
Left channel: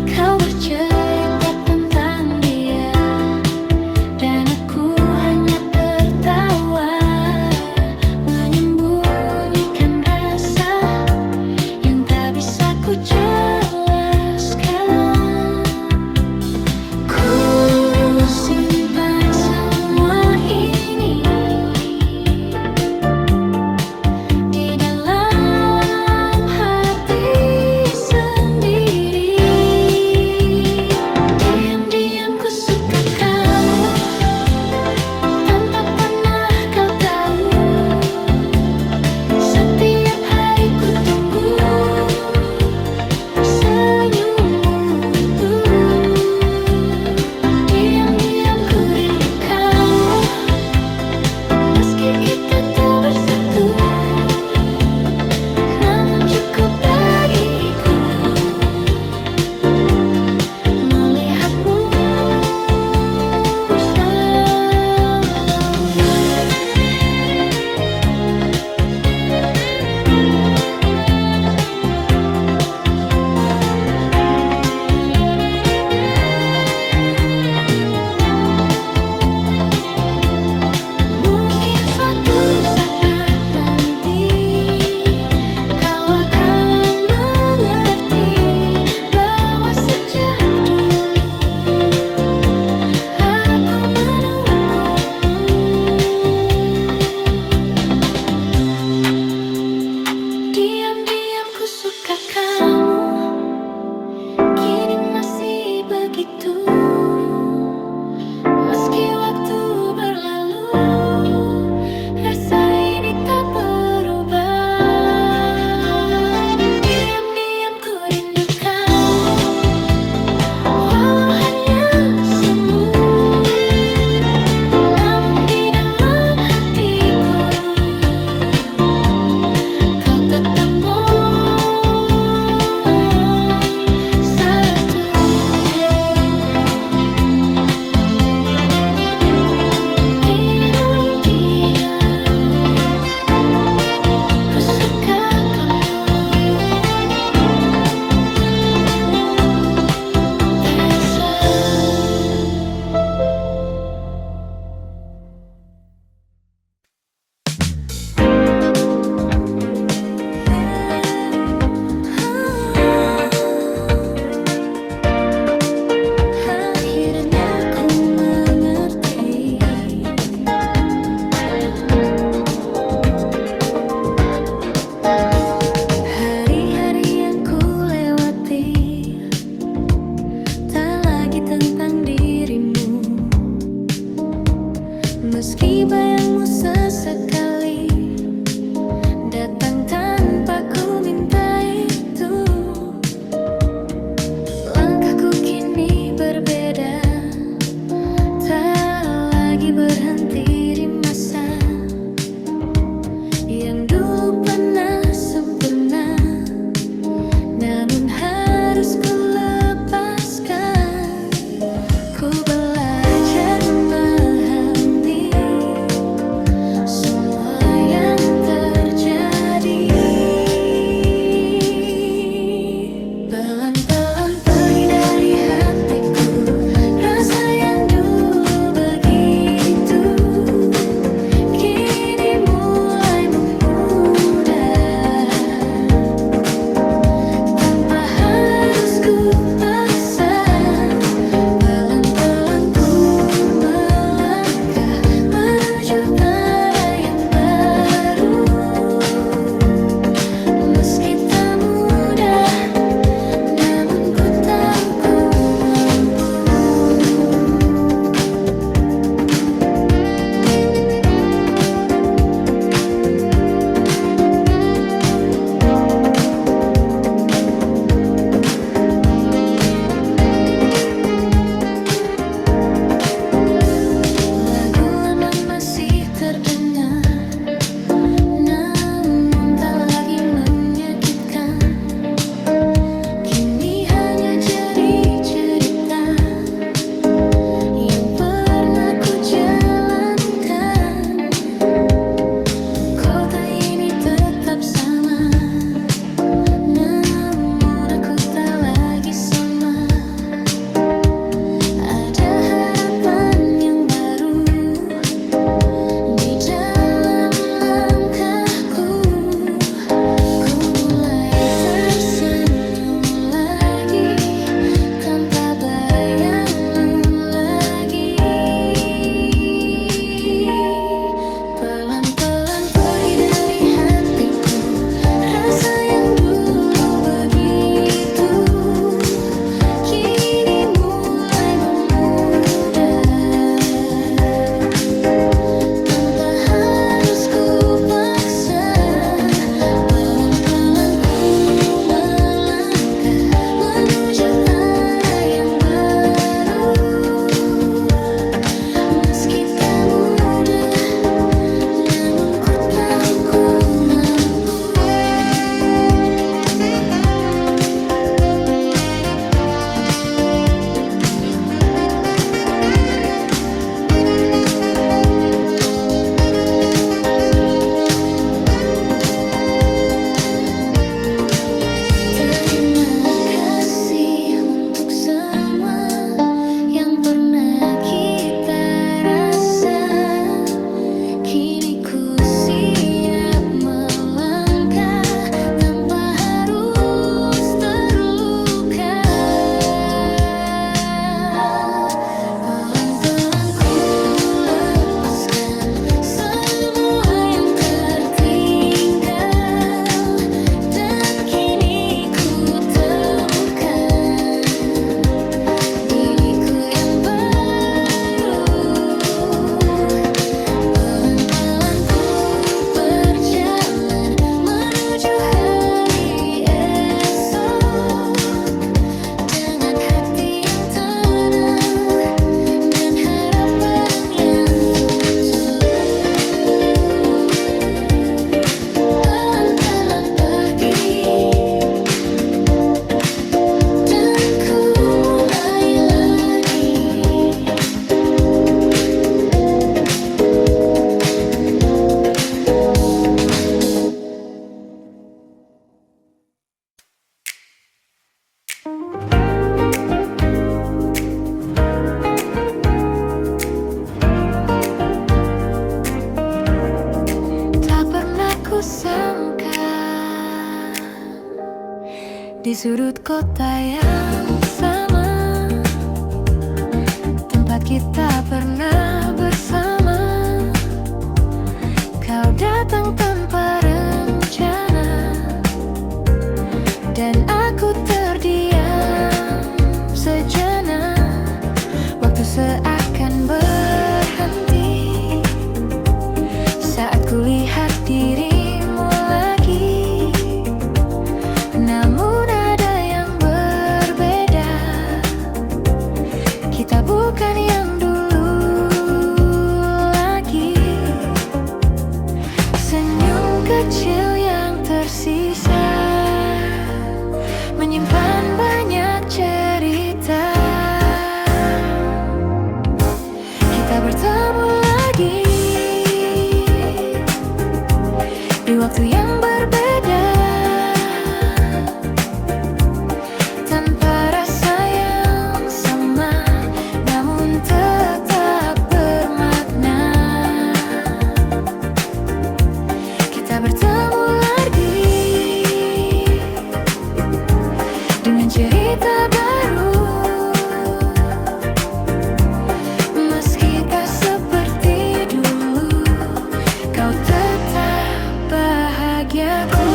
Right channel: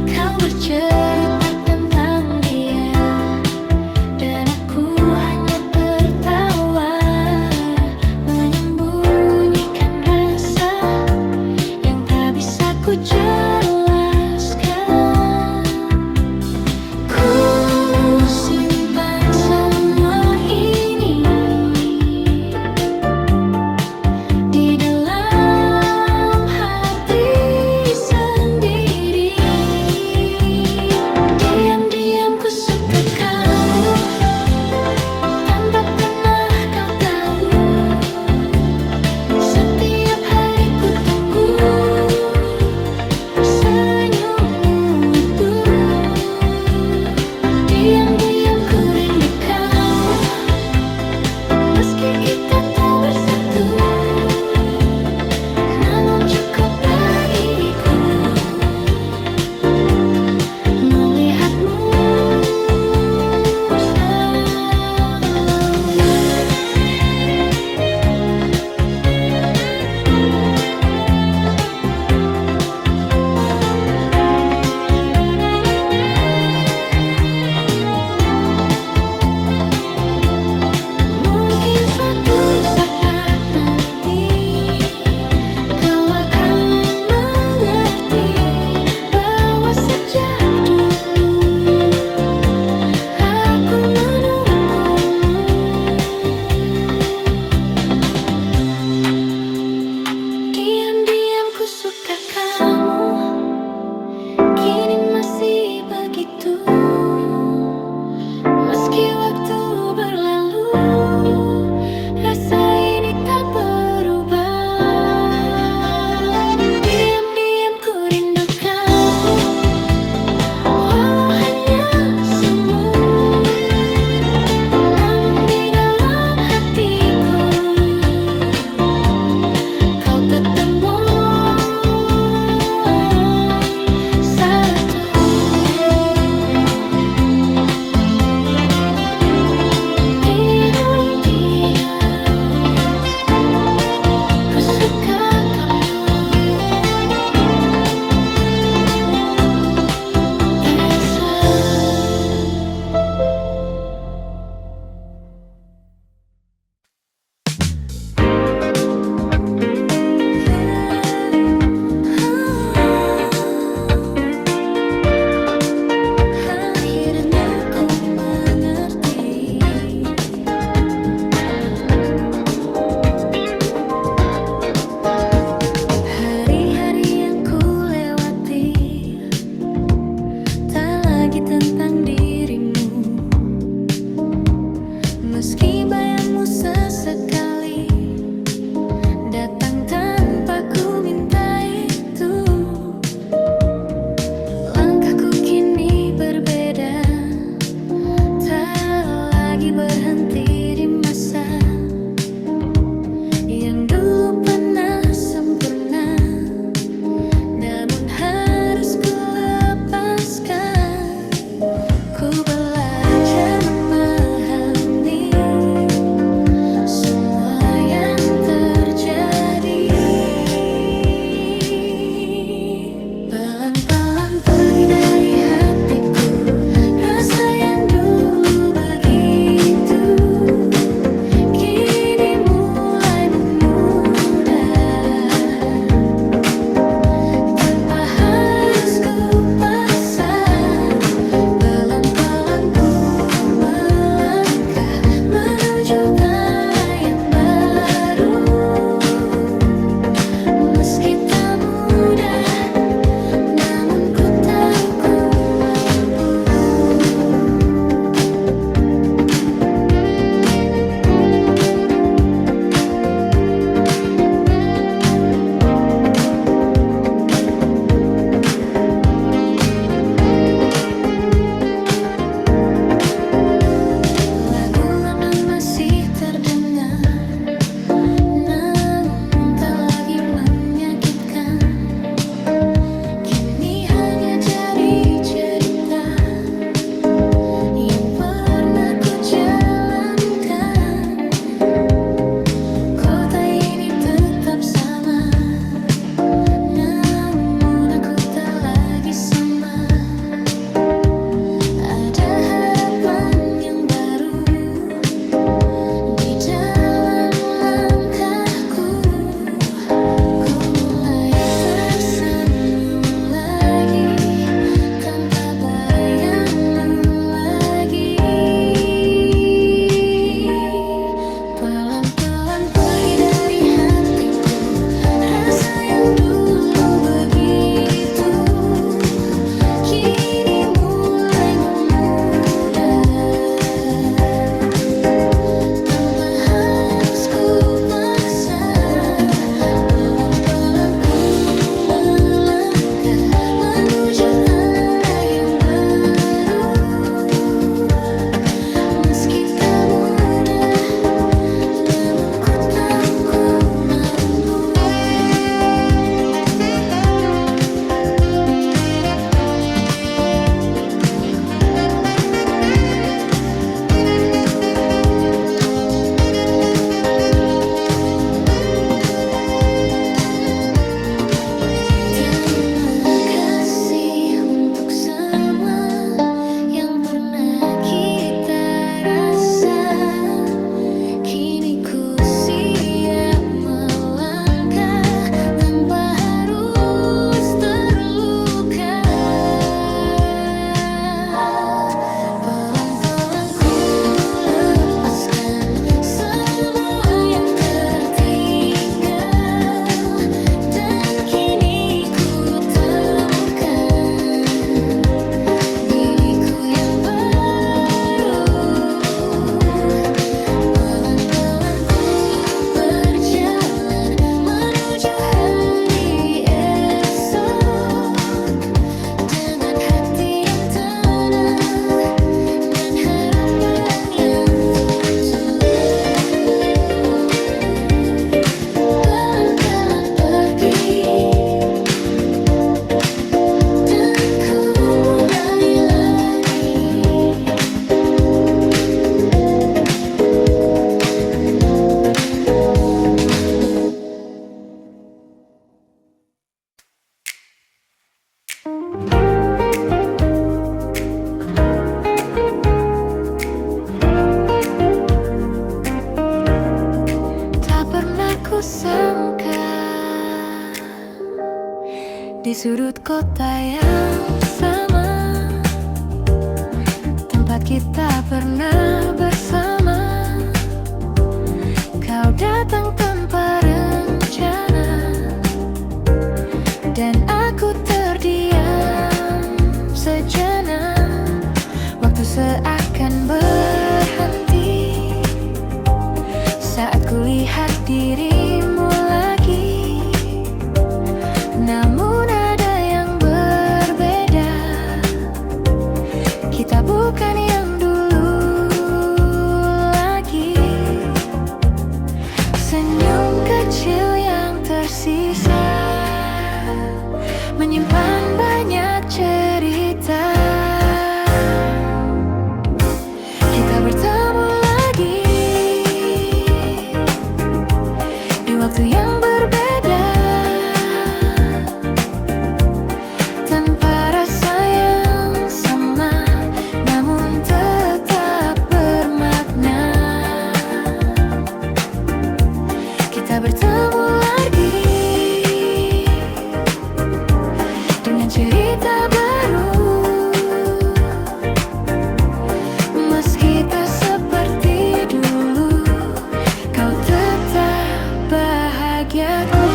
Kau bercerita tentang dia, dan aku hanya tertawa, menyembunyikan rasa yang tak bisa ku jelaskan. Ku simpan semua ini di dalam hati sendiri. Diam-diam ku suka kamu, tanpa pernah kau tahu. Setiap hari ku tunggu senyummu itu. Diam-diam ku rindu kamu, meski kita tak bersatu, namun cukup bagiku melihatmu selalu. Mungkin suatu saat nanti kau akan mengerti bahwa sejak dulu aku menunggumu. Diam-diam ku suka kamu, kini masih begitu. Meski waktu berlalu, rasa ini tak berubah. Diam-diam ku rindu kamu, walau hanya semu, namun di dalam hatiku kau tetap satu. Ku suka kamu, Elisa. Akhirnya ku mengerti, hari-hari yang ku lewati tak lagi tentang dirimu. Meski bayangmu sesekali datang tanpa ku minta itu, langkahku kini berbeda, tak lagi berhenti di masa yang dulu pernah sempurna, namun harus ku lepaskan. Ku belajar memahami semua yang terjadi. Pelan-pelan pergi dari hatiku rasa yang dulu begitu, kini mulai memudar tanpa harus ku sama. Ada harapan yang baru di dalam langkahku. Ku mulai tersenyum lagi tanpa bayangmu lagi. Pelan-pelan pergi dari hatiku rasa yang dulu begitu, kini mulai memudar tanpa harus ku paksa. Pelan-pelan ku melangkah menuju arah yang baru, meski tak mudah, namun ku tahu ku mampu. Terima kasih untuk semua yang pernah kita rasa. Kini ku siap melangkah tanpa harus terluka. Pelan-pelan ku lepaskan semua yang tertinggal, dan kini ku temukan diriku yang baru. Pelan-pelan ku berjalan menuju hari esok, dengan hati yang tenang dan harapan yang tulus. Pelan-pelan pergi dan ku mulai lagi. Tak pernah ku sangka di sudut kota yang sama tempat kita pernah bersama, kau datang tanpa rencana dan aku terdiam sejenak. Waktu seakan berhenti saat kulihat dirimu lagi, namun ada yang berbeda. Kita bukan yang dulu lagi. Senyum kecil yang tersisa menyimpan banyak cerita. Kita bertemu lagi di waktu yang berbeda, tanpa rasa yang sama, namun tetap bermakna. Kita bertemu lagi dengan cerita baru, meski tak seperti dulu, kau tetap bahagiaku.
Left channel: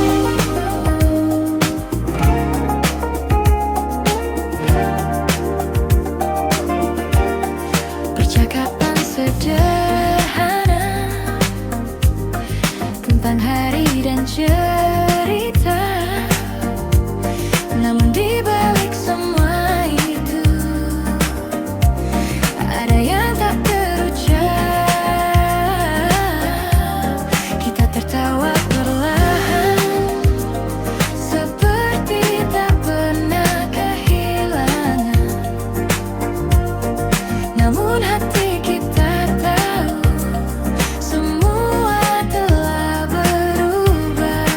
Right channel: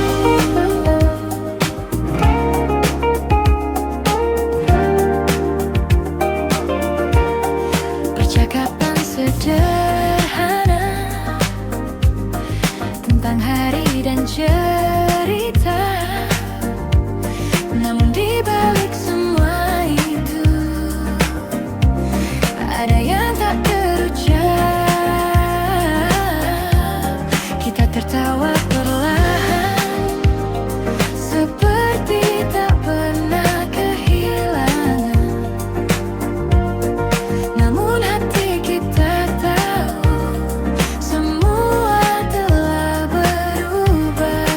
Percakapan sederhana tentang hari dan cerita, namun di balik semua itu ada yang tak terucap. Kita tertawa perlahan seperti tak pernah kehilangan, namun hati kita tahu semua telah berubah.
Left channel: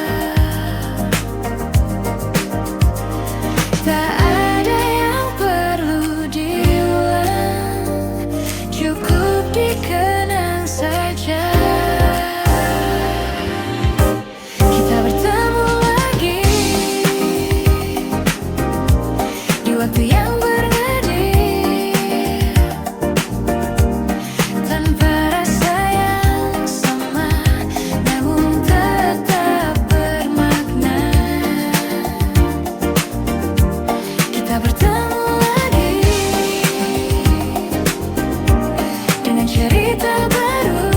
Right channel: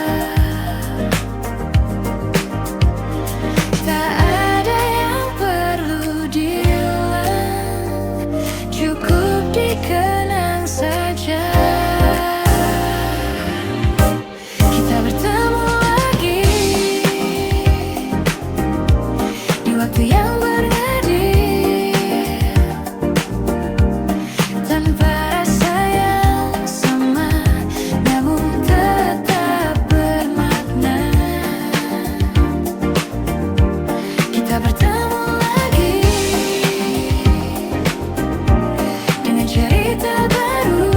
Tak ada cukup dikenang saja. Kita bertemu lagi di waktu yang bernadil, tanpa rasa yang sama, namun tetap bermakna. Kita bertemu lagi dengan cerita baru,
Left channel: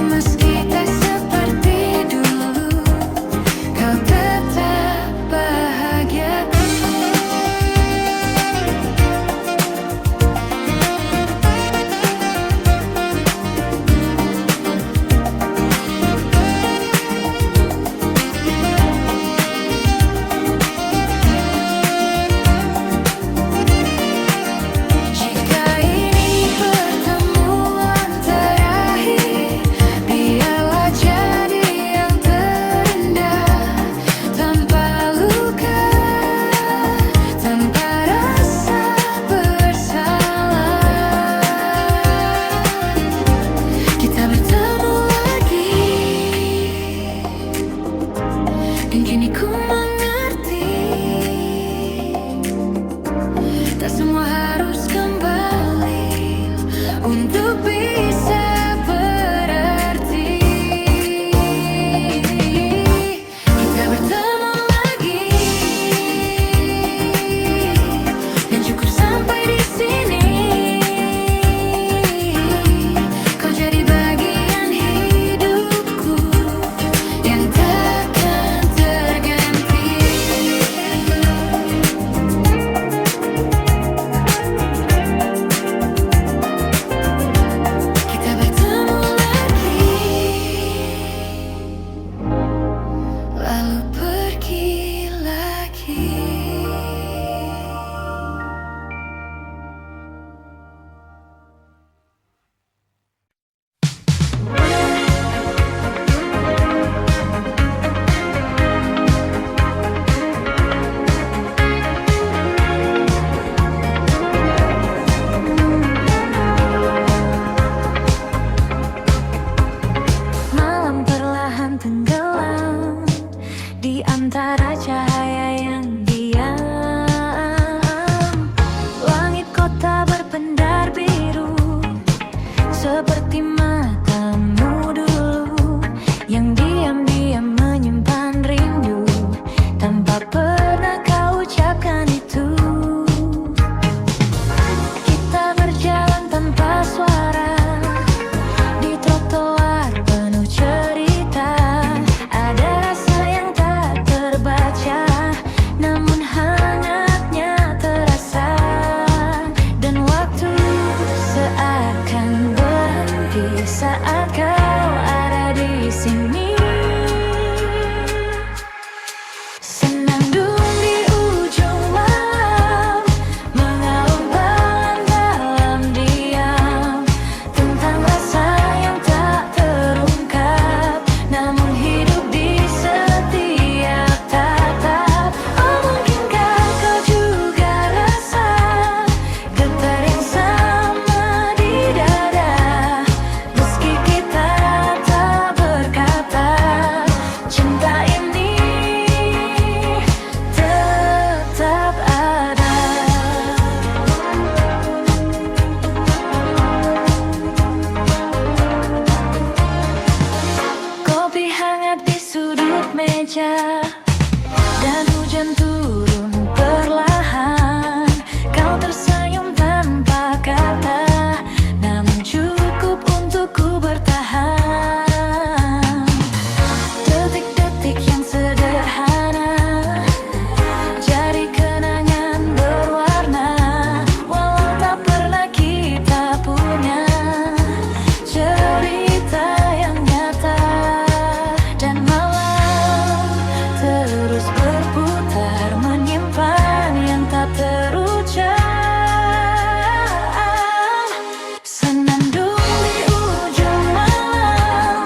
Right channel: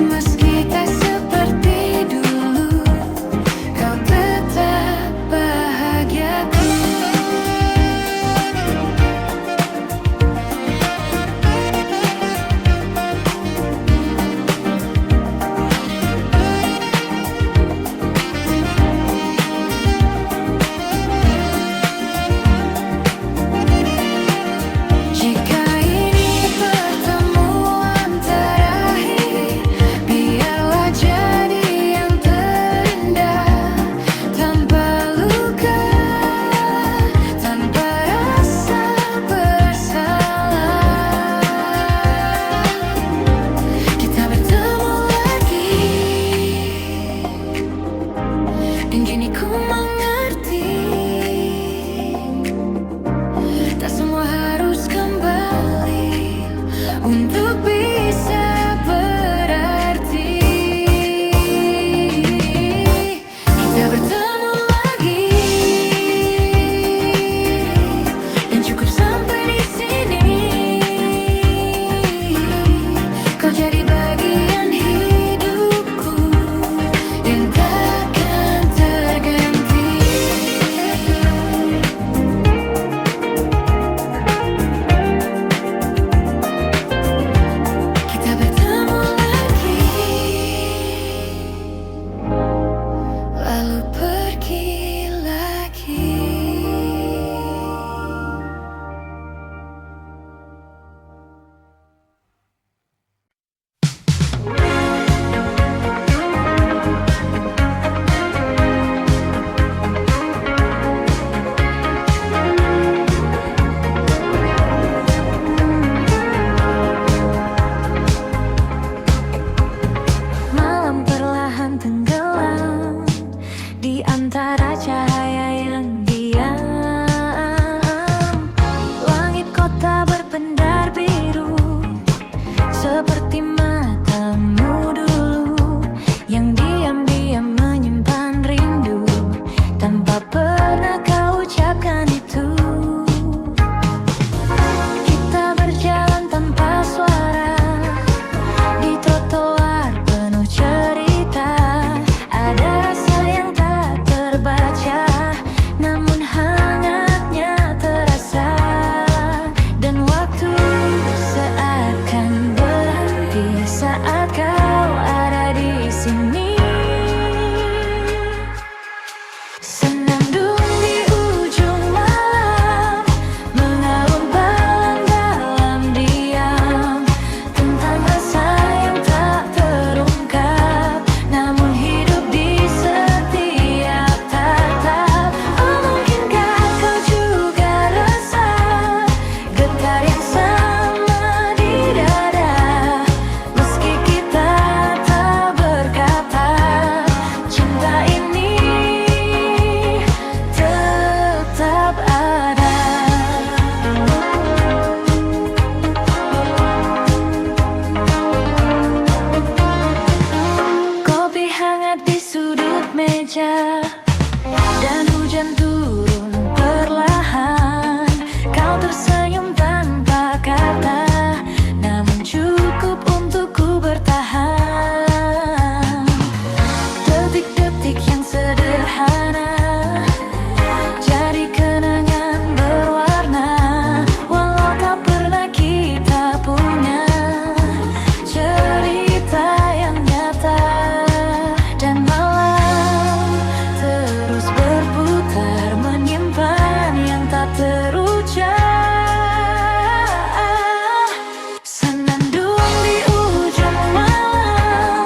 meski tak seperti dulu, kau tetap bahagiaku. Jika ini pertemuan terakhir, biarlah jadi yang terindah, tanpa luka, tanpa rasa bersalah. Kita bertemu lagi, dan kini ku mengerti, tak semua harus kembali untuk bisa berarti. Kita bertemu lagi, dan cukup sampai di sini. Kau jadi bagian hidupku yang takkan terganti. Kita bertemu lagi, lalu pergi lagi. Malam perlahan tenggelam di antara cahaya yang diam. Langit kota berpendar biru, seperti matamu dulu yang diam-diam menyimpan rindu, tanpa pernah kau ucapkan itu. Kita berjalan tanpa suara di trotoar penuh cerita. Ada rasa yang tak terbaca, namun hangatnya terasa. Dan waktu seakan berhenti saat kau ada di sini. Senandung di ujung malam, mengalun balan dalam diam, tentang rasa yang tak terungkap, namun hidup di setiap tatap. Oh, mungkinkah kau juga rasa getar yang sama di dada, meski kita tak berkata, cinta ini tetap ada. Kopi hangat di sudut meja, dan hujan turun perlahan. Kau tersenyum tanpa kata, namun cukup untuk ku bertahan. Detik-detik yang sederhana jadi kenangan berwarna, walau tak pernah kita punya cerita yang nyata. Dan malam terus berputar, menyimpan yang tak terucap. Senandung di ujung malam,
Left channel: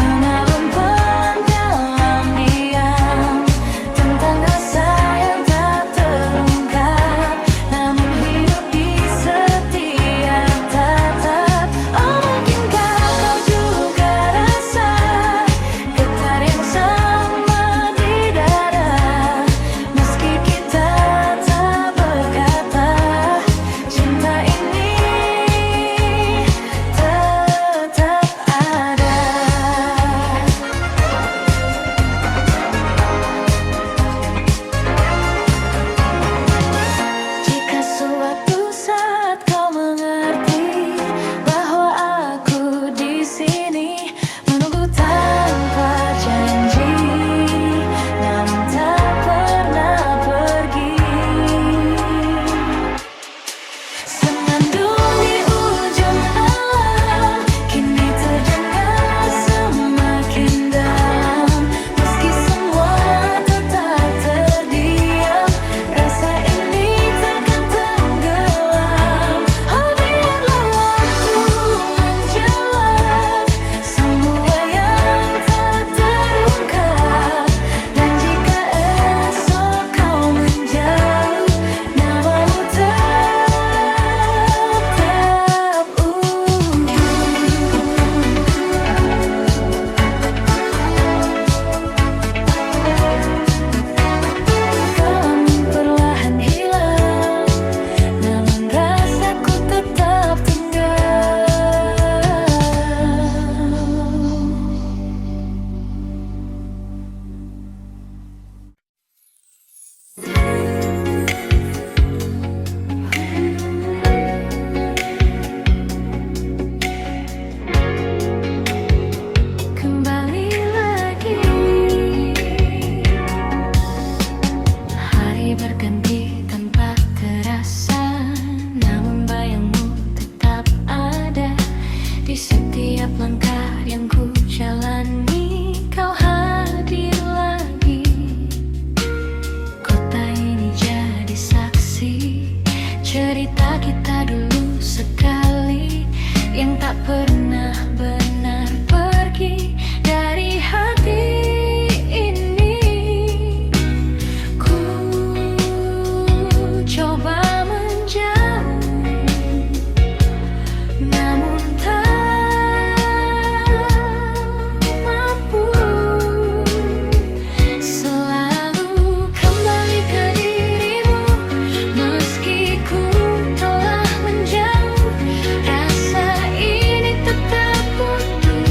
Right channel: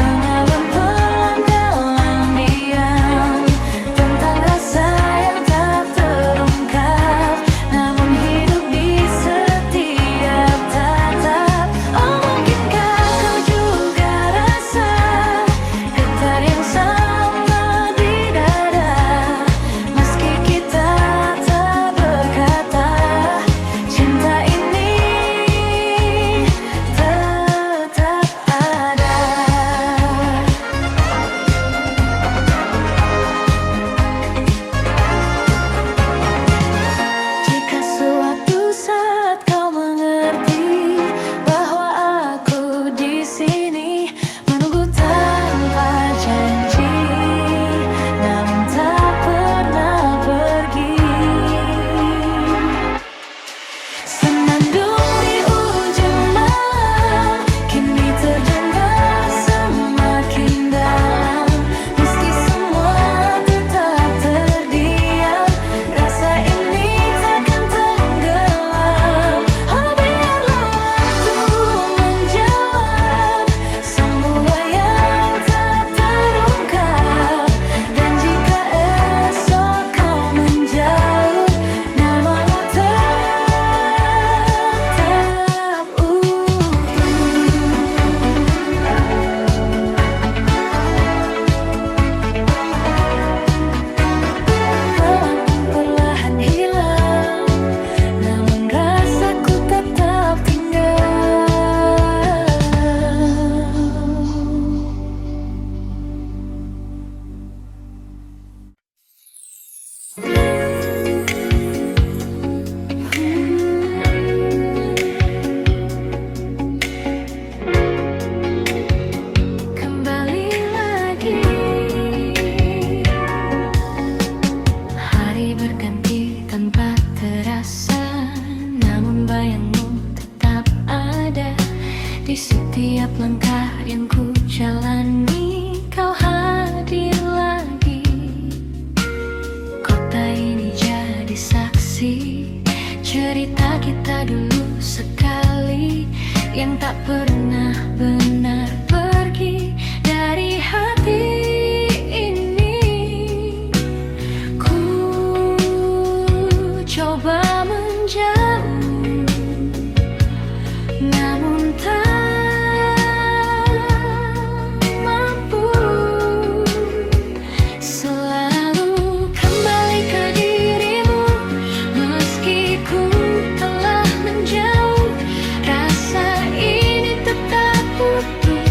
mengalun pelan dalam diam, tentang rasa yang tak terungkap, namun hidup di namun tak pernah pergi. Senandung di ujung malam kini terdengar semakin dalam, meski semua tetap terdiam, rasa ini takkan tenggelam. Oh, biarlah waktu menjawab semua yang tak terungkap, dan jika esok kau menjauh, namamu tetap utuh. Gelang perlahan hilang, namun rasaku tetap tinggal. Kembali lagi, hari berganti tanpa terasa, namun bayangmu tetap ada di setiap langkah yang ku jalani. Kau hadir lagi, kota ini jadi saksi cerita kita dulu sekali, yang tak pernah benar pergi dari hati ini. Ku coba menjauh, namun tak mampu. Selalu kembali ke dirimu, meski ku telah menjauh, rasa ini tetap utuh,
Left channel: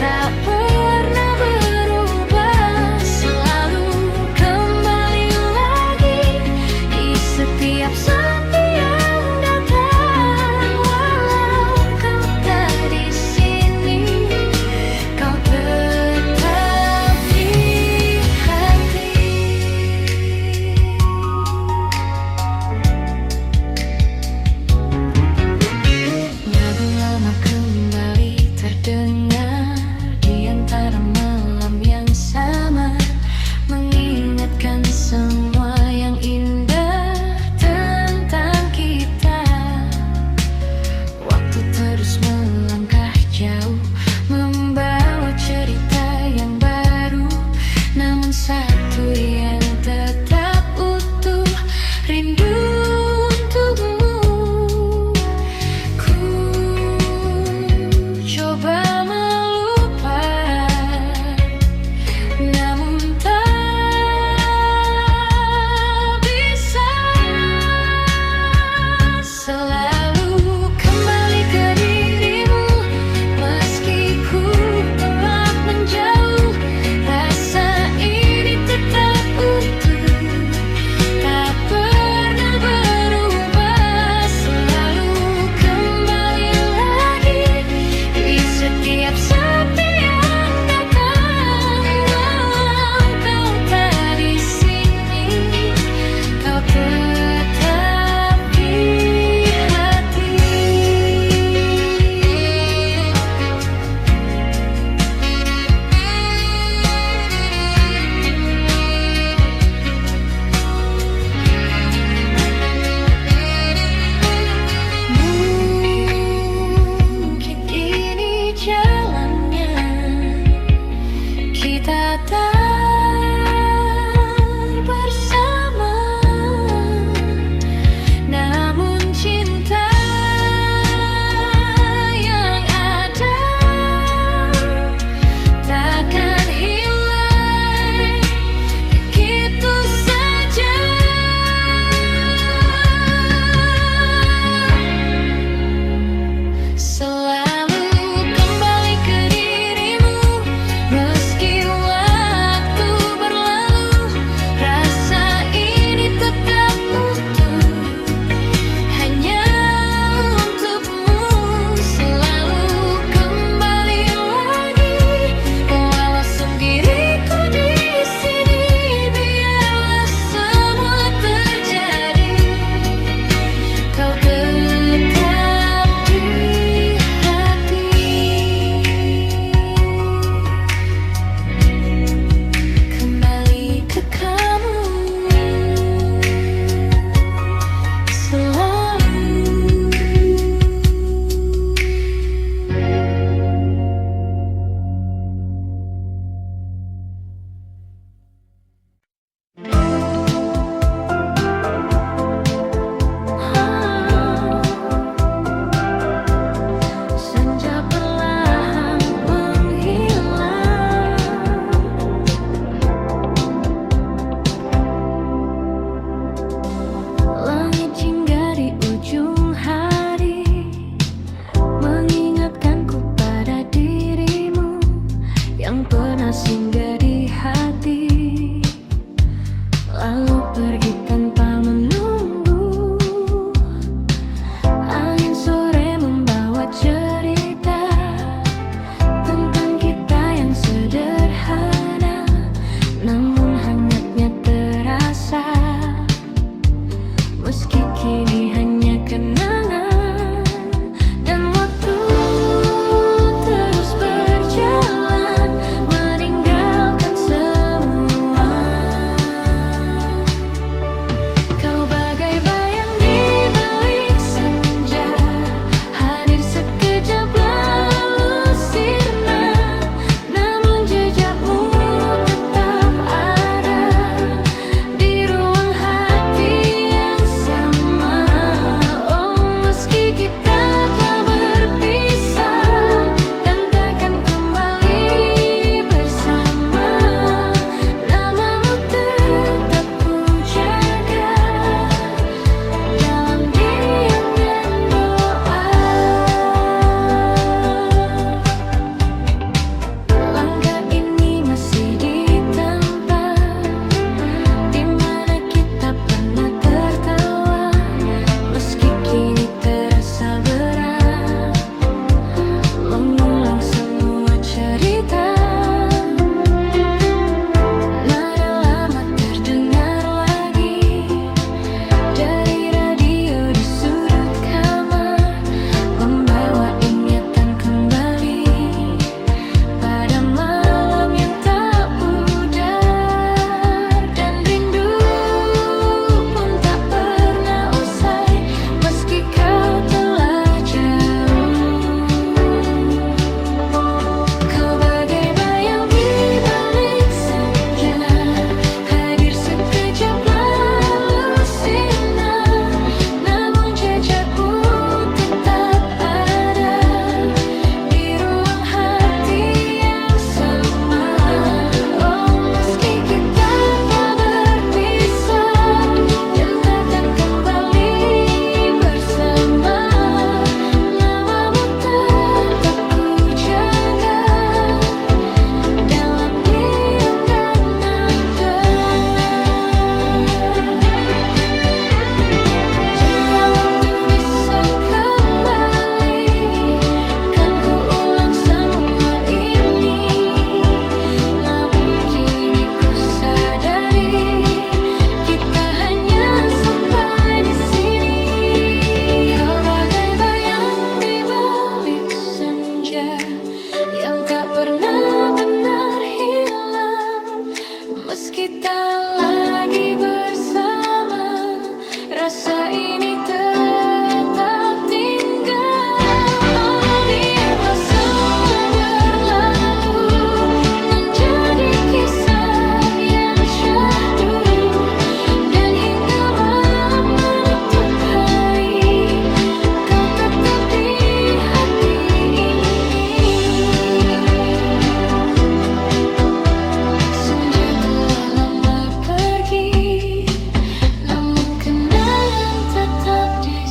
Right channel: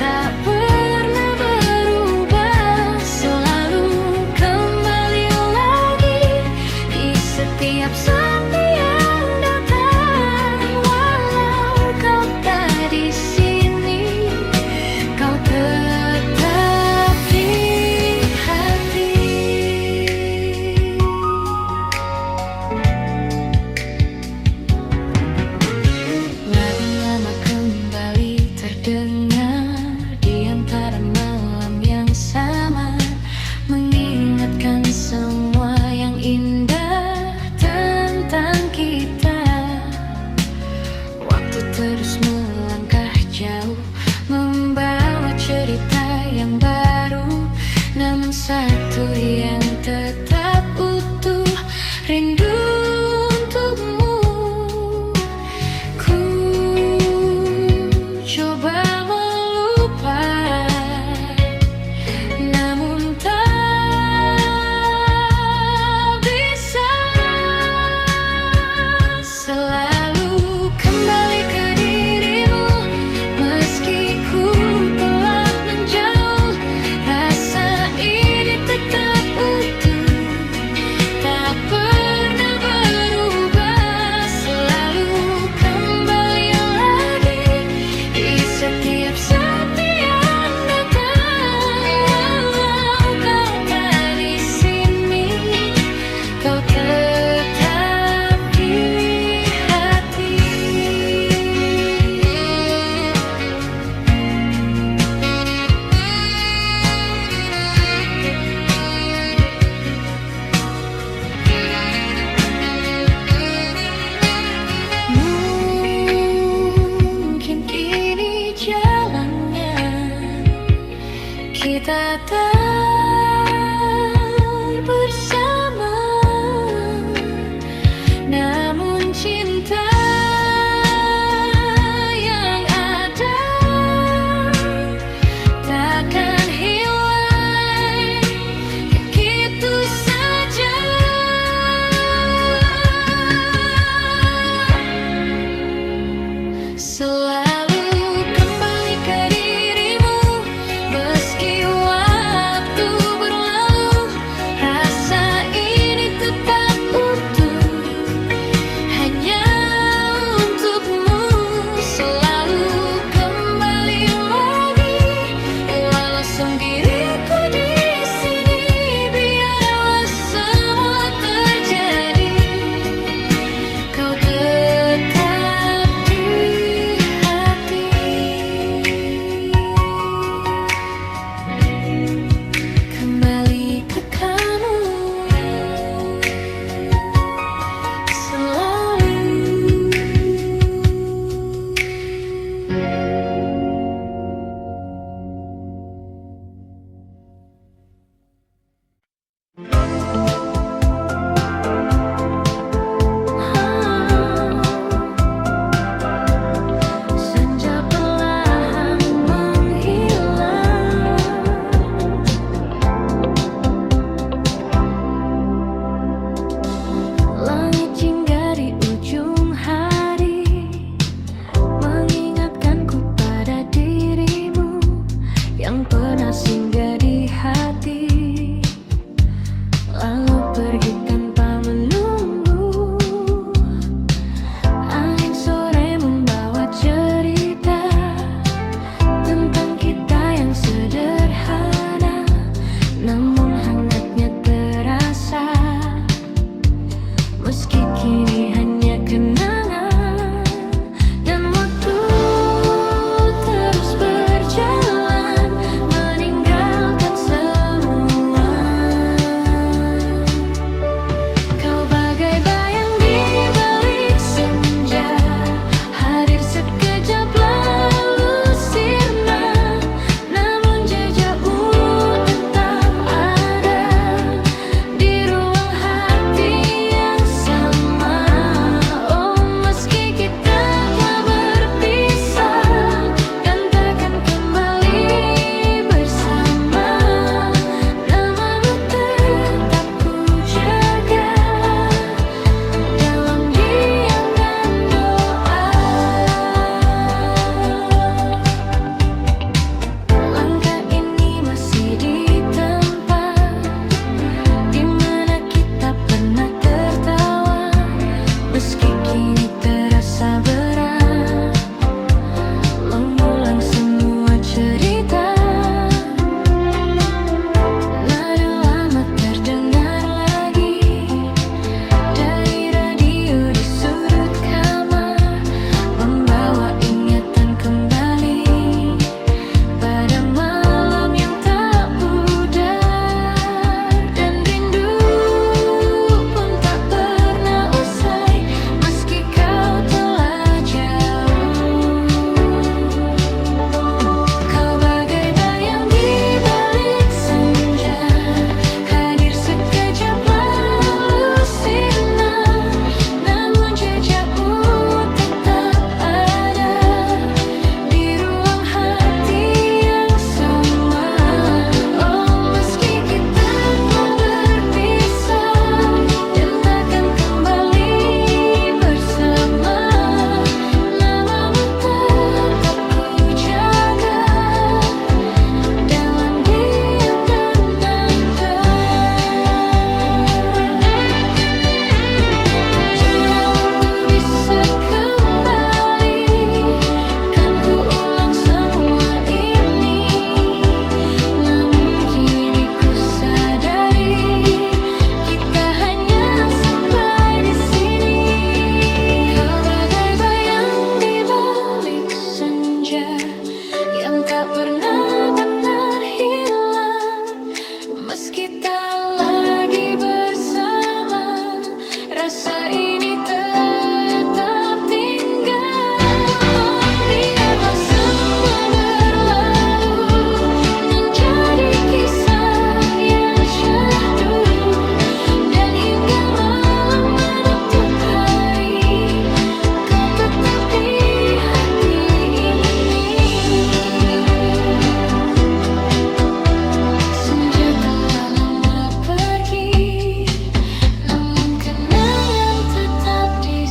tak pernah berubah. Selalu kembali lagi di setiap sepi yang datang. Walau kau tak di sini, kau tetap di hati. Lagu lama kembali terdengar di antara malam yang samar, mengingatkan semua yang indah tentang kita. Waktu terus melangkah jauh, membawa cerita yang baru, namun satu yang tetap utuh, rindu untukmu. Ku coba melupakan, namun tak bisa. Selalu kembali ke dirimu, meski ku telah menjauh, rasa ini tetap utuh, tak pernah berubah. Selalu kembali lagi di setiap sepi yang datang. Walau kau tak di sini, kau tetap di hati. Mungkin ini jalannya, kita tak bersama, namun cinta yang ada takkan hilang begitu saja. Selalu kembali ke dirimu, meski waktu kamu selalu. Senja perlahan menghilang, langit hingga di ujung hari mengingatkanku pada dirimu yang pernah singgah di hati, lalu pergi tanpa menunggu. Angin sore membawa cerita tentang kita yang sederhana, namun hangatnya terasa. Meski kini hanya kenangan, dan waktu terus berjalan meninggalkan semua. Kau bagai bayang di balik senja, hadir sekejap lalu sirna, namun jejakmu tetap ada di ruang hati yang sama. Oh, meski kita telah berpisah dan takkan kembali bersama, namamu tetap ku jaga dalam diam dan doa. Langkah ini masih di tempat di mana kita pernah tertawa, meski kini terasa berat mengulang semua cerita. Nada lama terdengar lagi dari radio di sudut kamar, membawa ingatan kembali pada malam yang tak pudar. Dan rindu pun tak pernah usai, meski kau telah jauh. Kau bagai bayang di balik senja, hadir sekejap lalu sirna, namun jejakmu tetap ada di ruang hati yang sama. Oh, meski kita telah berpisah dan takkan kembali bersama, namamu tetap ku jaga dalam diam dan nada. Jika waktu bisa kembali, kan ku ulang semua ini, namun kini ku sadari kita hanya sampai di sini. Kau bagai bayang di balik senja yang tak pernah benar hilang, meski tak lagi bersama, rasa ini tetap tinggal. Oh, biarlah semua berlalu menjadi kisah yang syahdu, dan hingga malam menutup hari, kau tetap di hati ini. Senja telah lama pergi, namun kenangan tetap di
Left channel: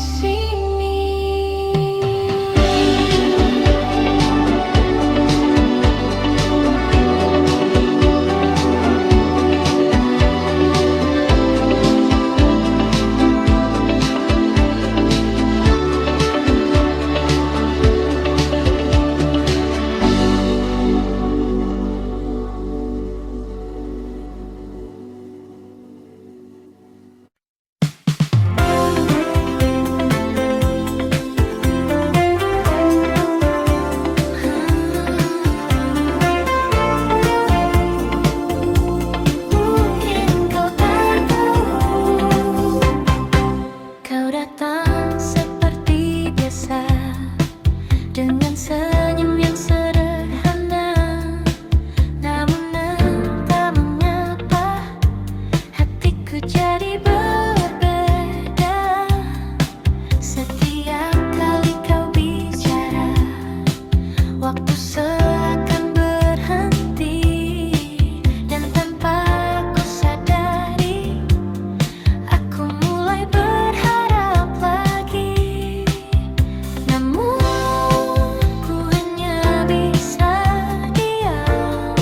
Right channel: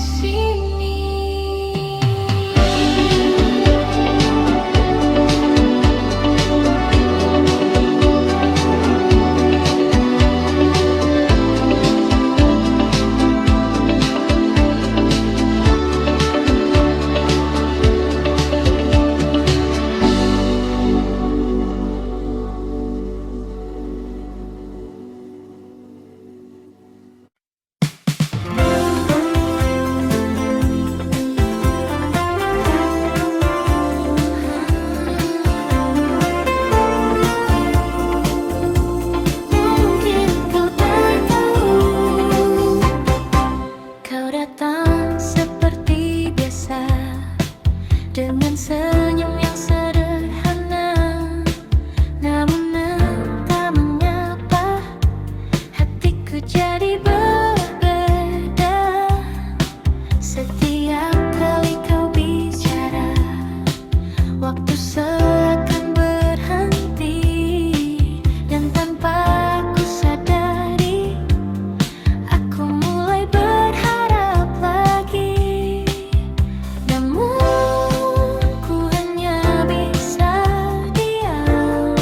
jadi berbeda. Setiap kali kau bicara, waktu seakan berhenti. Dan tanpa ku sadari, aku mulai berharap lagi. Namun ku hanya bisa diam,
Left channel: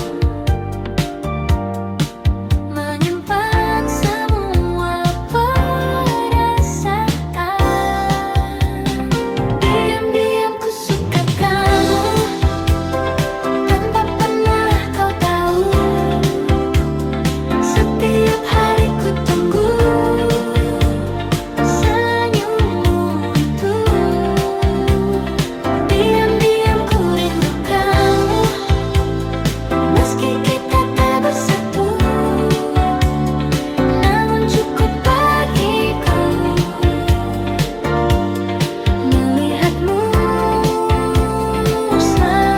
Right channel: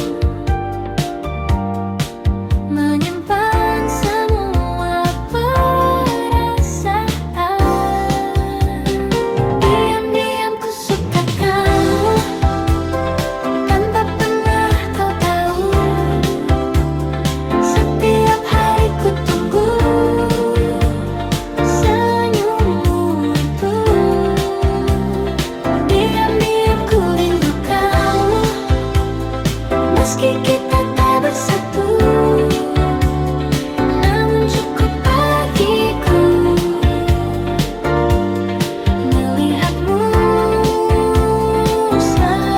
menyimpan semua perasaan. Diam-diam ku suka kamu, tanpa pernah kau tahu. Setiap hari ku tunggu senyummu itu. Diam-diam ku rindu kamu, meski kita tak bersatu. Namun cukup bagiku melihatmu selalu.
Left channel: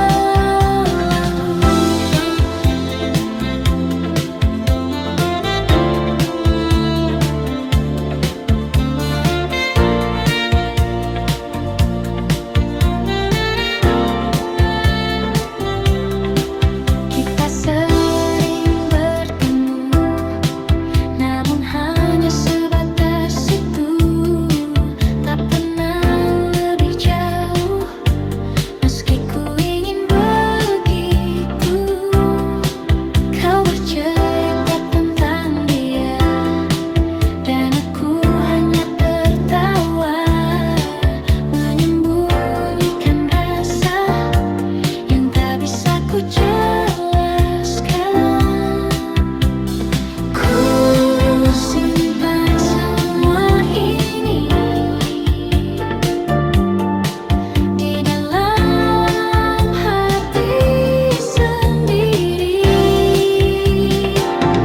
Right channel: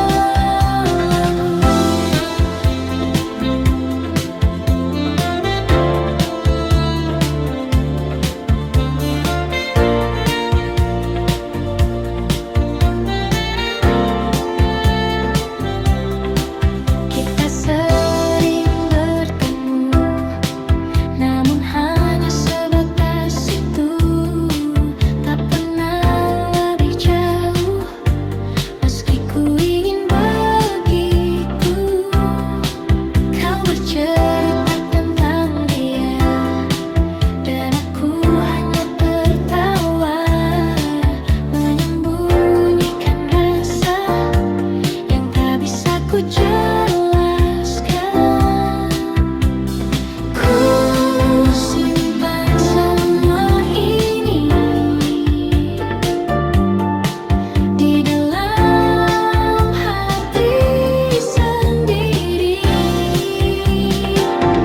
Kita sering bertemu, namun hanya sebatas itu. Tak pernah lebih jauh, meski ku ingin begitu. Kau bercerita tentang dia, dan aku hanya tertawa, menyembunyikan rasa yang tak bisa ku jelaskan. Ku simpan semua ini di dalam hati sendiri.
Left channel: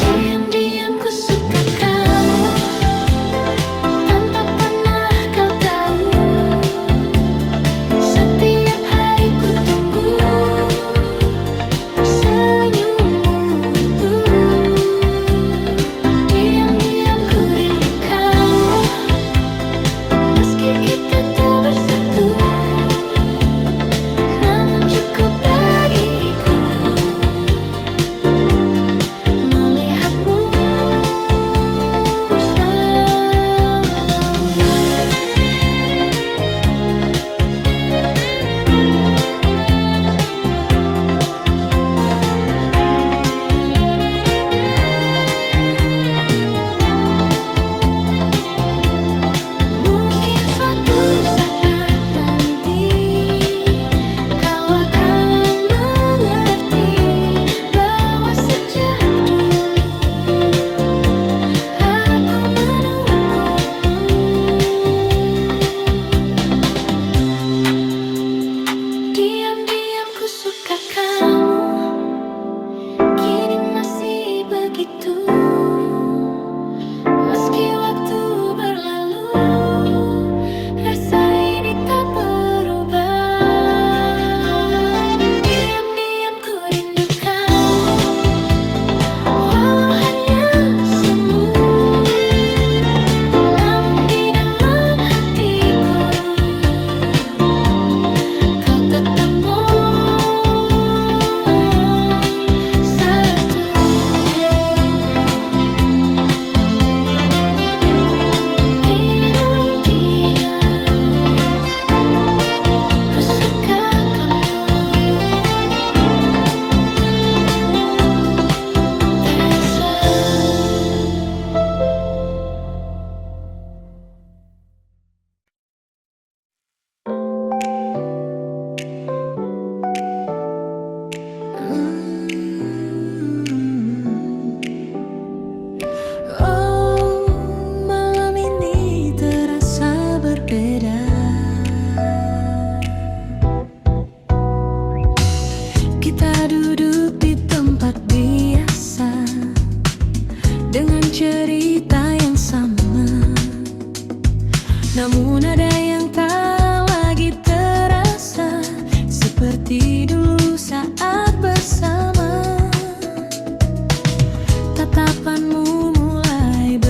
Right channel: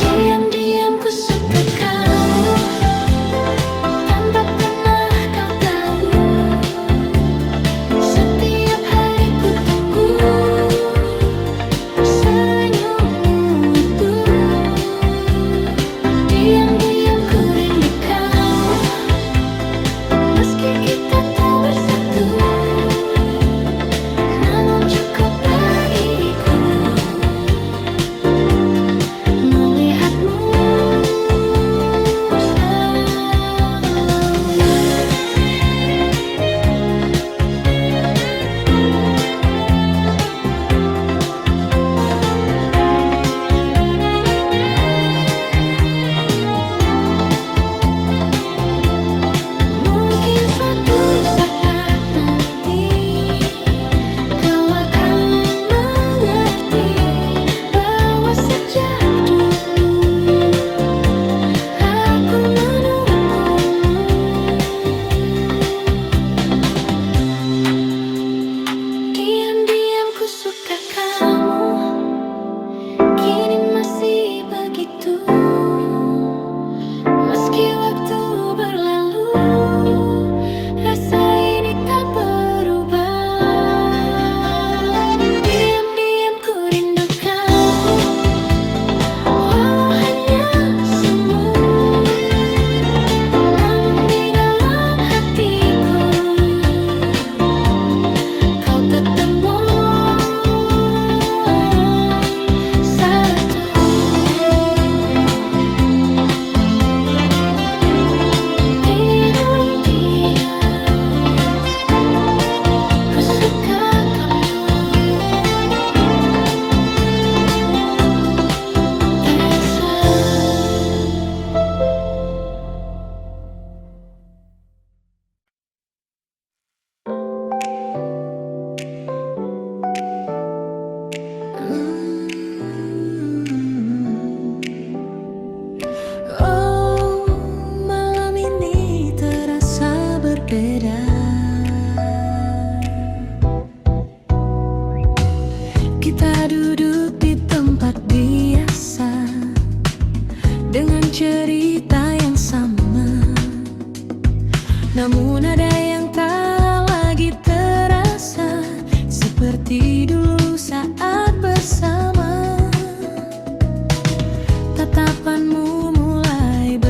Diam-diam ku suka kamu, tanpa pernah kau tahu. Setiap hari ku tunggu senyummu itu. Diam-diam ku rindu kamu, meski kita tak bersatu. Namun cukup bagiku melihatmu selalu. Mungkin suatu saat nanti kau akan mengerti bahwa sejak dulu aku menunggumu. Diam-diam ku suka kamu, kini masih begitu. Meski waktu berlalu, rasa ini tak berubah. Diam-diam ku rindu kamu, walau hanya semu. Namun di dalam hatiku, kau tetap satu. Ku suka kamu, Elsa. Oh, malam ini terasa berbeda. Kita duduk di tempat biasa, dengan cerita yang sama. Namun ada yang tak lagi terasa, seperti dulu saat bersama. Tatapanmu mulai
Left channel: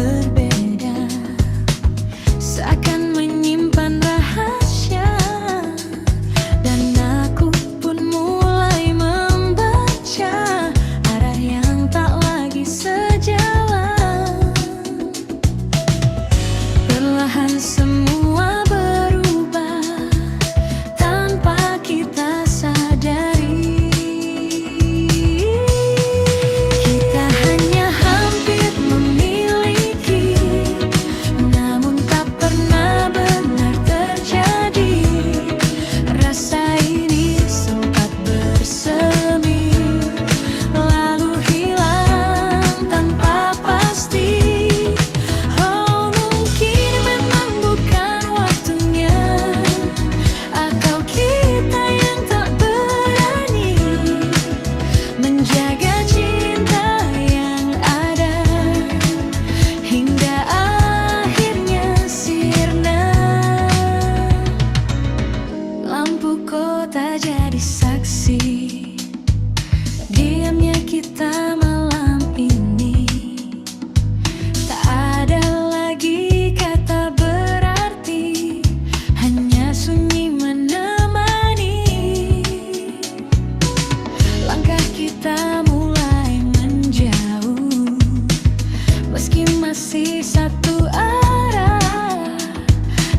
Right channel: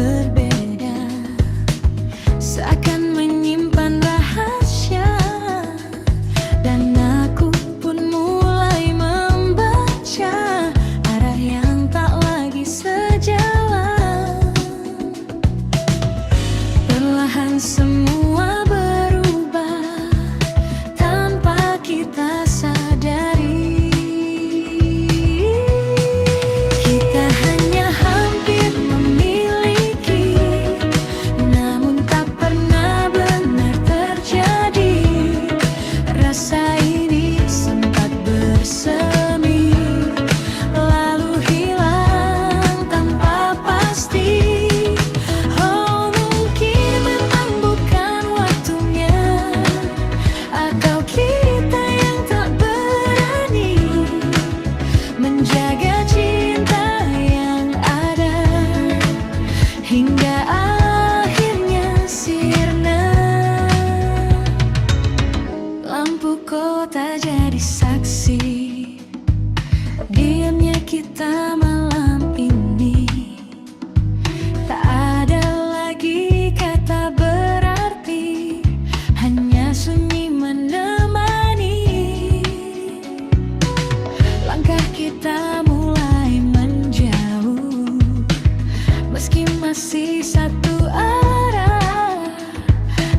masih satu arah,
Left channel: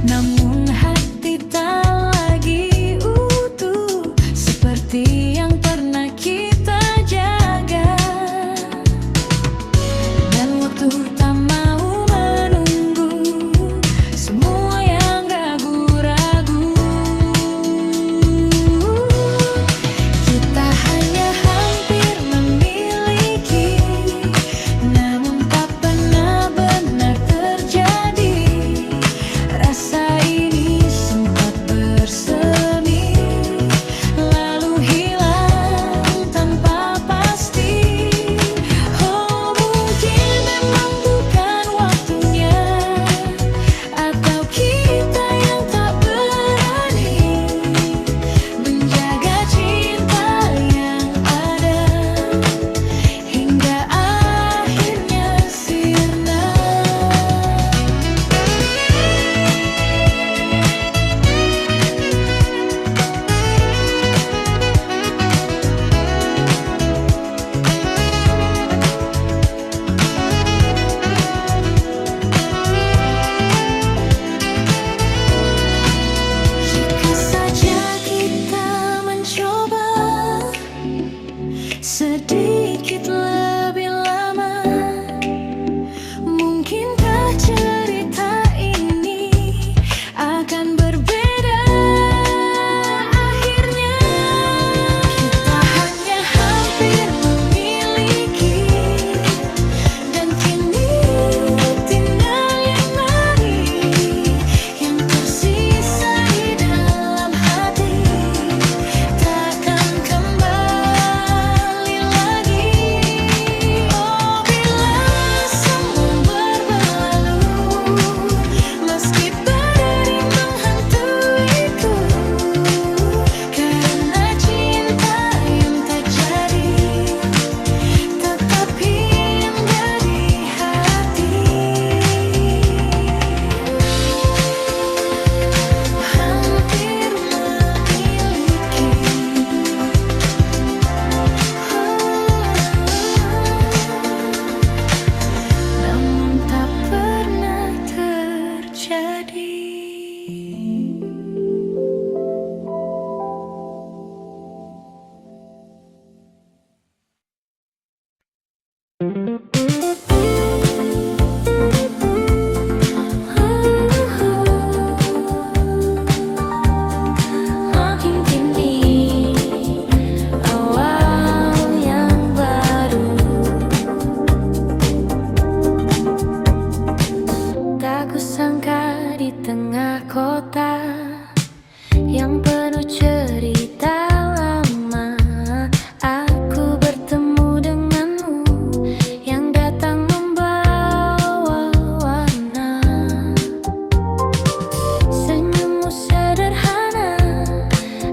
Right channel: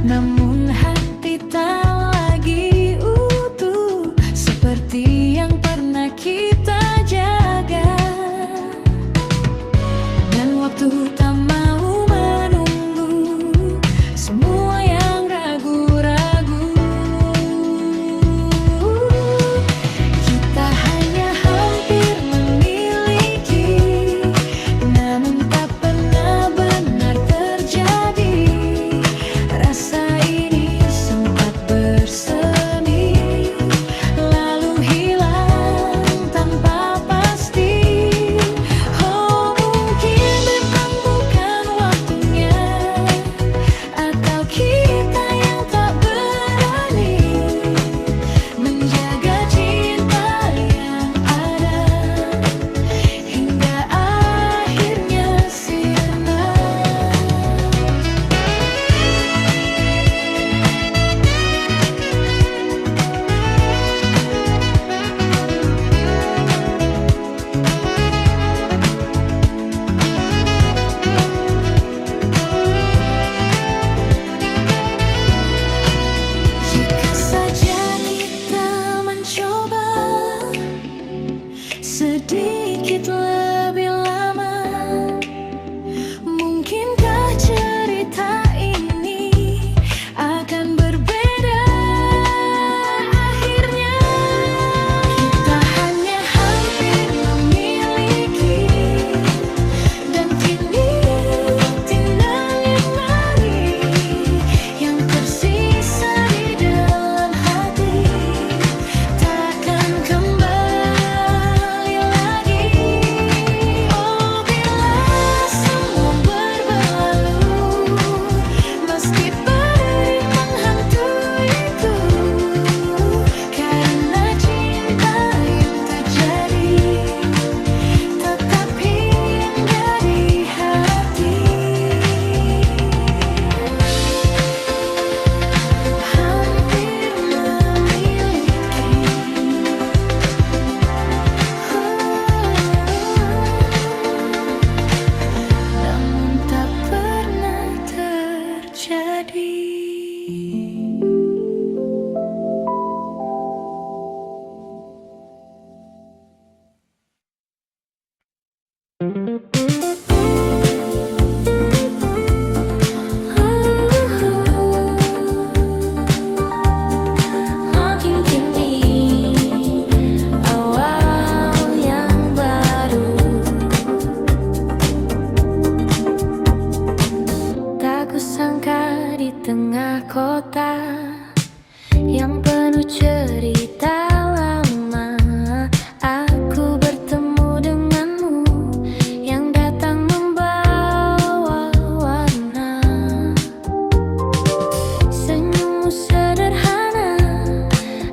namun hati tak lagi utuh seperti yang pernah kita jaga. Dan waktu tak mau menunggu semua yang ragu-ragu. Kita hanya hampir memiliki, namun tak pernah benar terjadi. Rasa ini sempat bersemi, lalu hilang tanpa pasti. Oh, mungkin memang bukan waktunya, atau kita yang tak berani menjaga cinta yang ada hingga akhirnya sirna. Jika saja kita mencoba sedikit lebih lama, mungkinkah cerita ini akan berbeda akhirnya. Kita hanya hampir memiliki, dan kini tinggal yang mari yang tersisa di dalam hati, takkan kembali lagi. Oh, bila semua berlalu, meski berdering menghantuiku, karena cinta yang tak jadi tetap hingga di hati. Hampir memiliki, namun tak pernah terjadi. Makin kini awal yang baru, tak kusangka di tengah kota yang penuh cerita lama, aku bertemu denganmu yang datang membawa warna. Senyummu sederhana,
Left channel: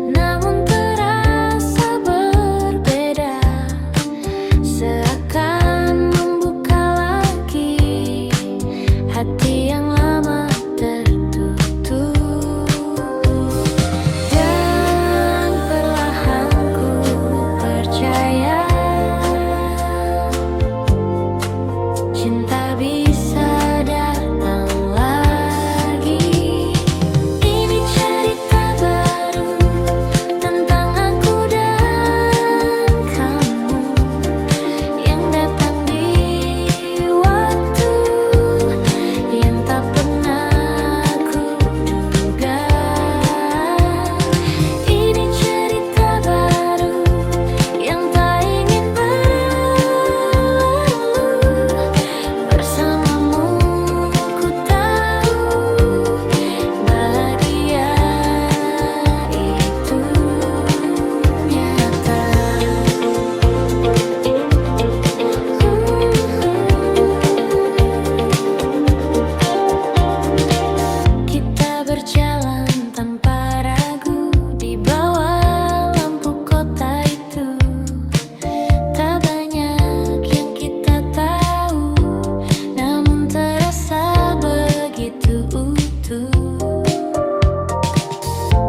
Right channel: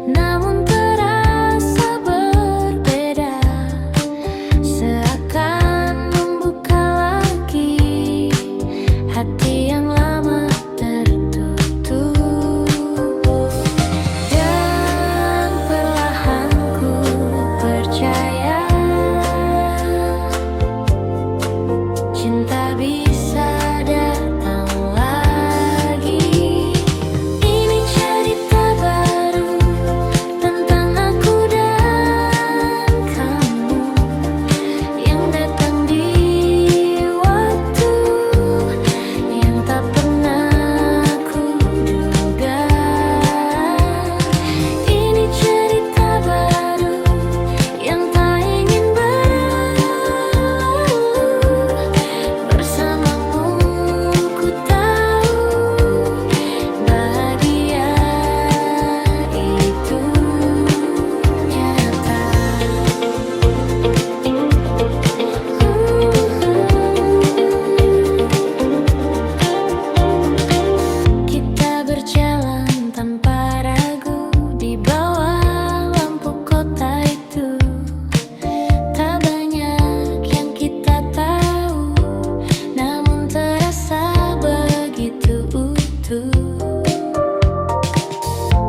namun terasa berbeda, seakan membuka lagi hati yang lama tertutup. Dan perlahan ku percaya cinta bisa datang lagi. Ini cerita baru tentang aku dan kamu yang datang di waktu yang tak pernah ku duga. Ini cerita baru yang tak ingin berlalu. Bersamamu ku tahu bahagia itu nyata. Kita berjalan tanpa ragu di bawah lampu kota itu. Tak banyak yang kita tahu, namun terasa begitu utuh.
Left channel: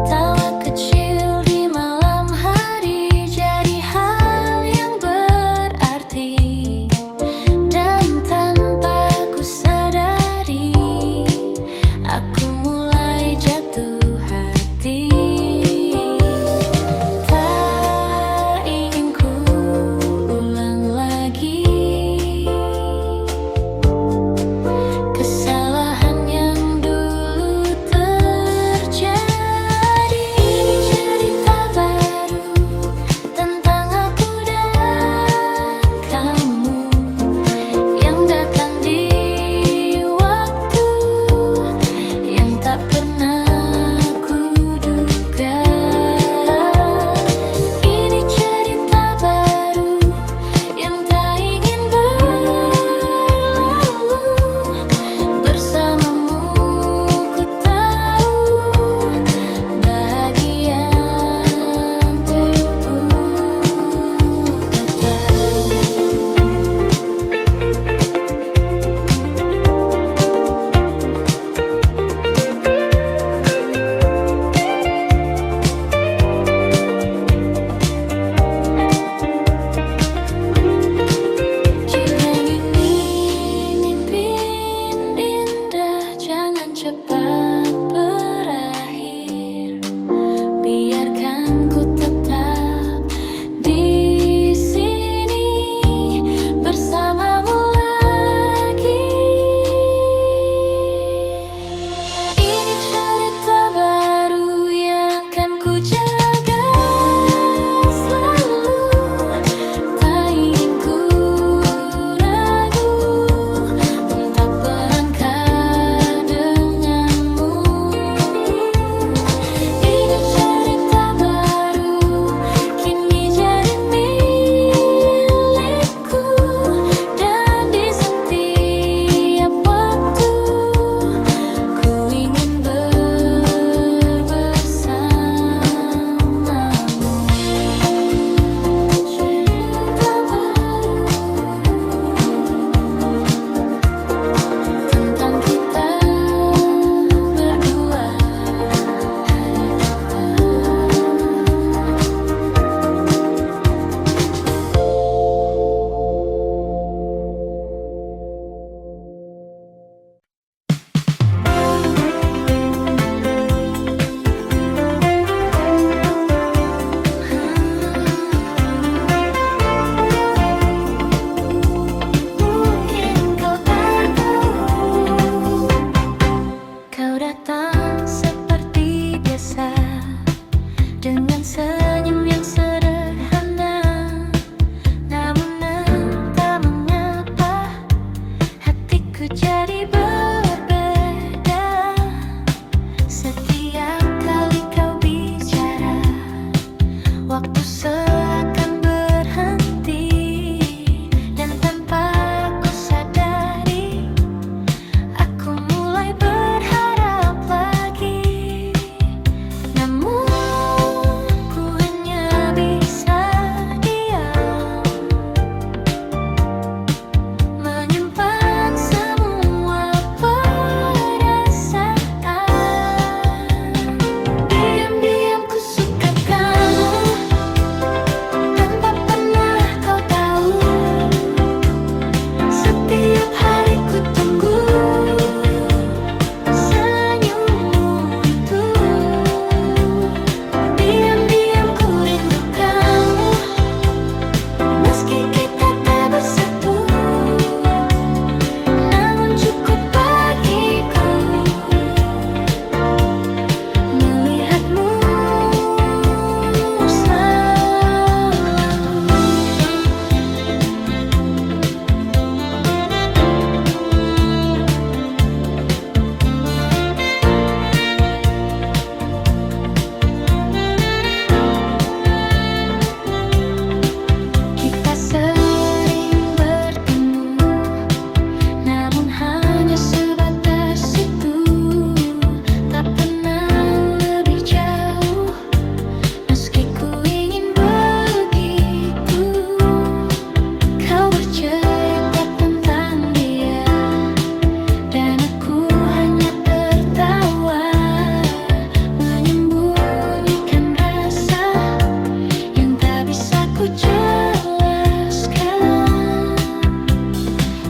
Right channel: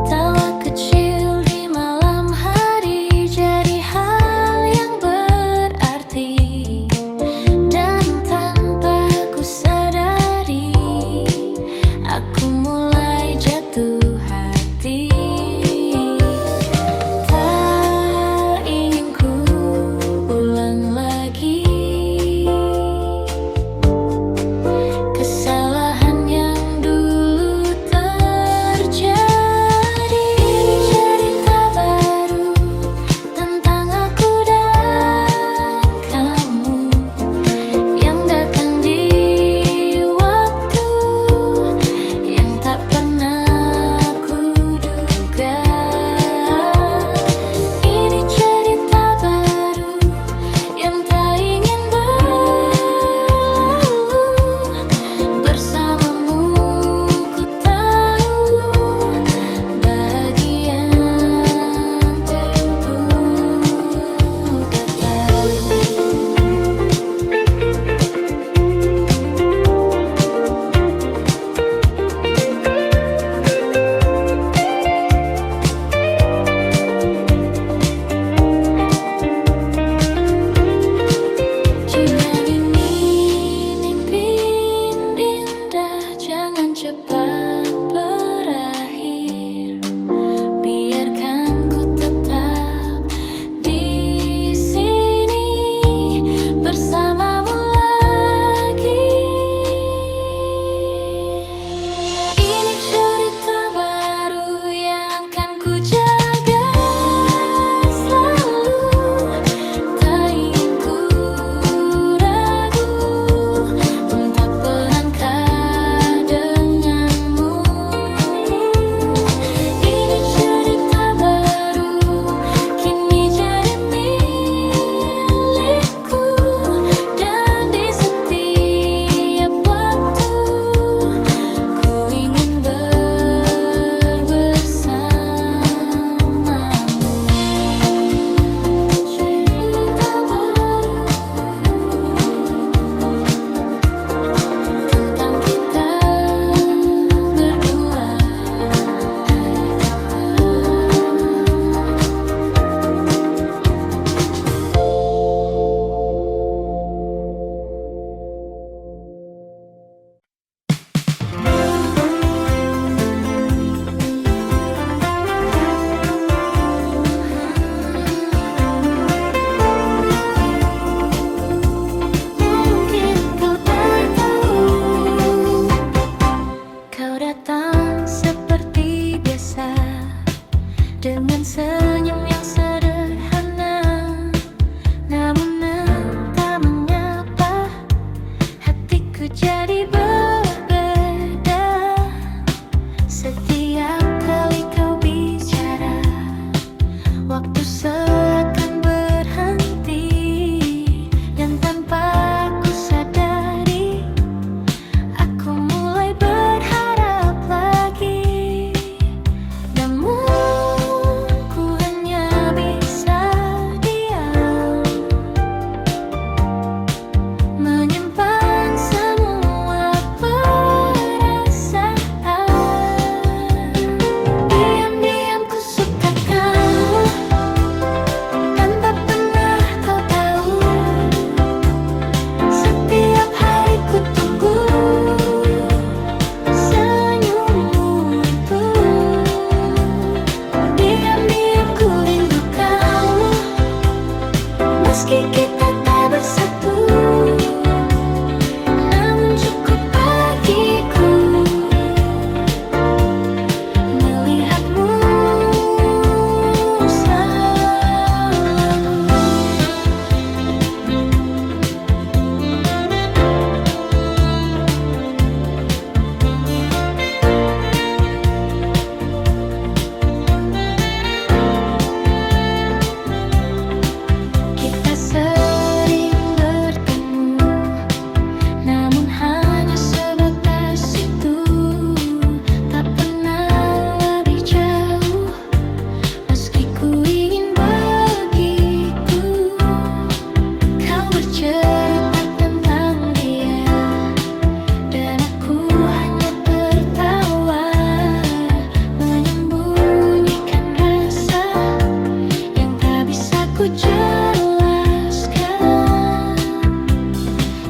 Tawa kecil di malam hari jadi hal yang berarti, dan tanpa ku sadari kesalahan yang dulu terjadi. Ini cerita baru tentang aku dan kamu yang datang di waktu yang tak pernah kuduga. Ini cerita baru yang tak ingin berlalu. Bersamamu ku tahu bahagian tubuh tetap. Jangan ini mimpi indah, jangan cepat berakhir. Biarkan ku tetap di sini bersamamu lagi. Ini cerita baru yang akan ku jaga selalu. Tak ingin ku ragu untuk melangkah denganmu. Ini cerita baru kini jadi milikku, dan di setiap waktu ku ingin bersamamu. Cerita baru tentang kita berdua, hai Papa. Mungkin kau tak tahu, kau datang seperti biasa dengan senyum yang sederhana. Namun entah mengapa hatiku jadi berbeda. Setiap kali kau bicara, waktu seakan berhenti, dan tanpa ku sadari aku mulai berharap lagi. Namun ku hanya bisa diam, menyimpan semua perasaan. Diam-diam ku suka kamu tanpa pernah kau tahu. Setiap hari ku tunggu senyummu itu. Diam-diam ku rindu kamu, meski kita tak bersatu. Namun cukup bagiku melihatmu selalu. Kita sering bertemu, namun hanya sebatas itu. Tak pernah lebih jauh, meski ku ingin begitu. Kau bercerita tentang dia, dan aku hanya tertawa, menyembunyikan rasa yang tak bisa ku jelaskan.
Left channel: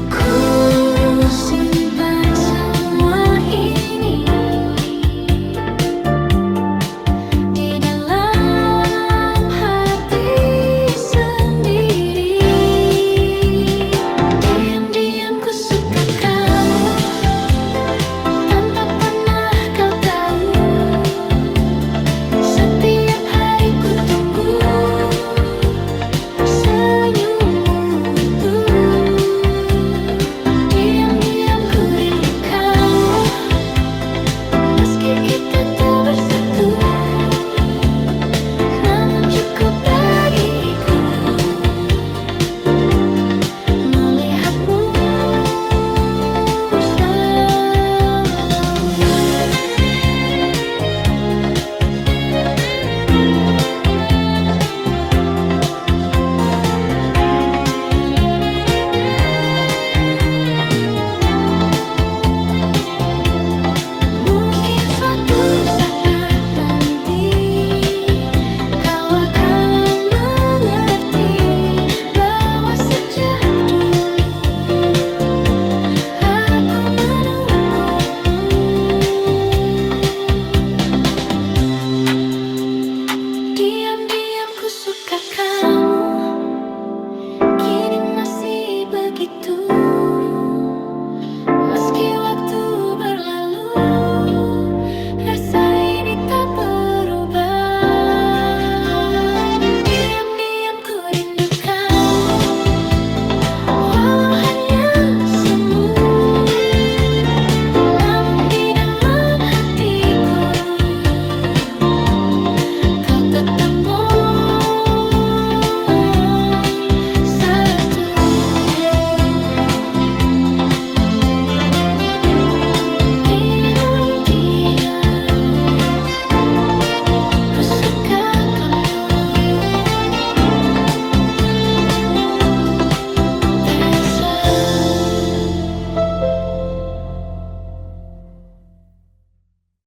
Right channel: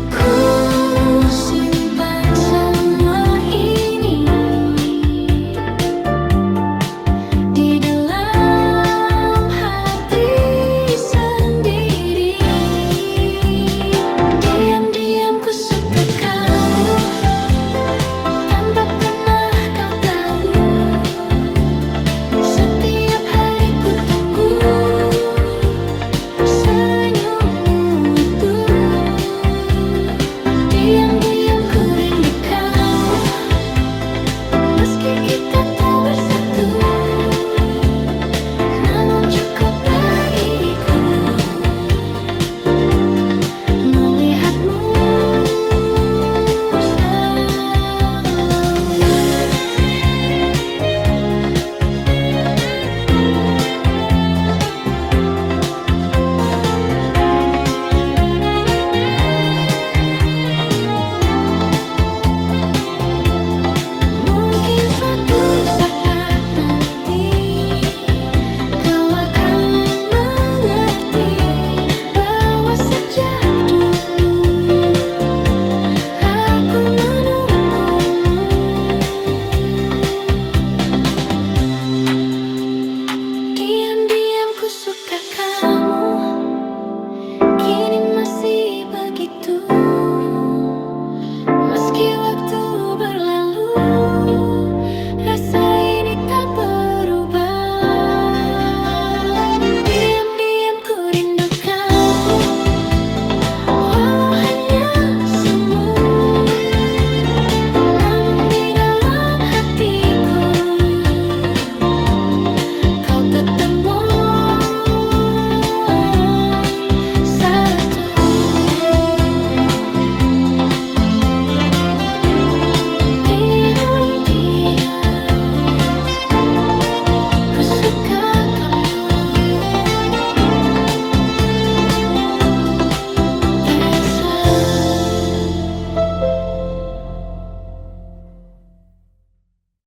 Ku simpan Meski waktu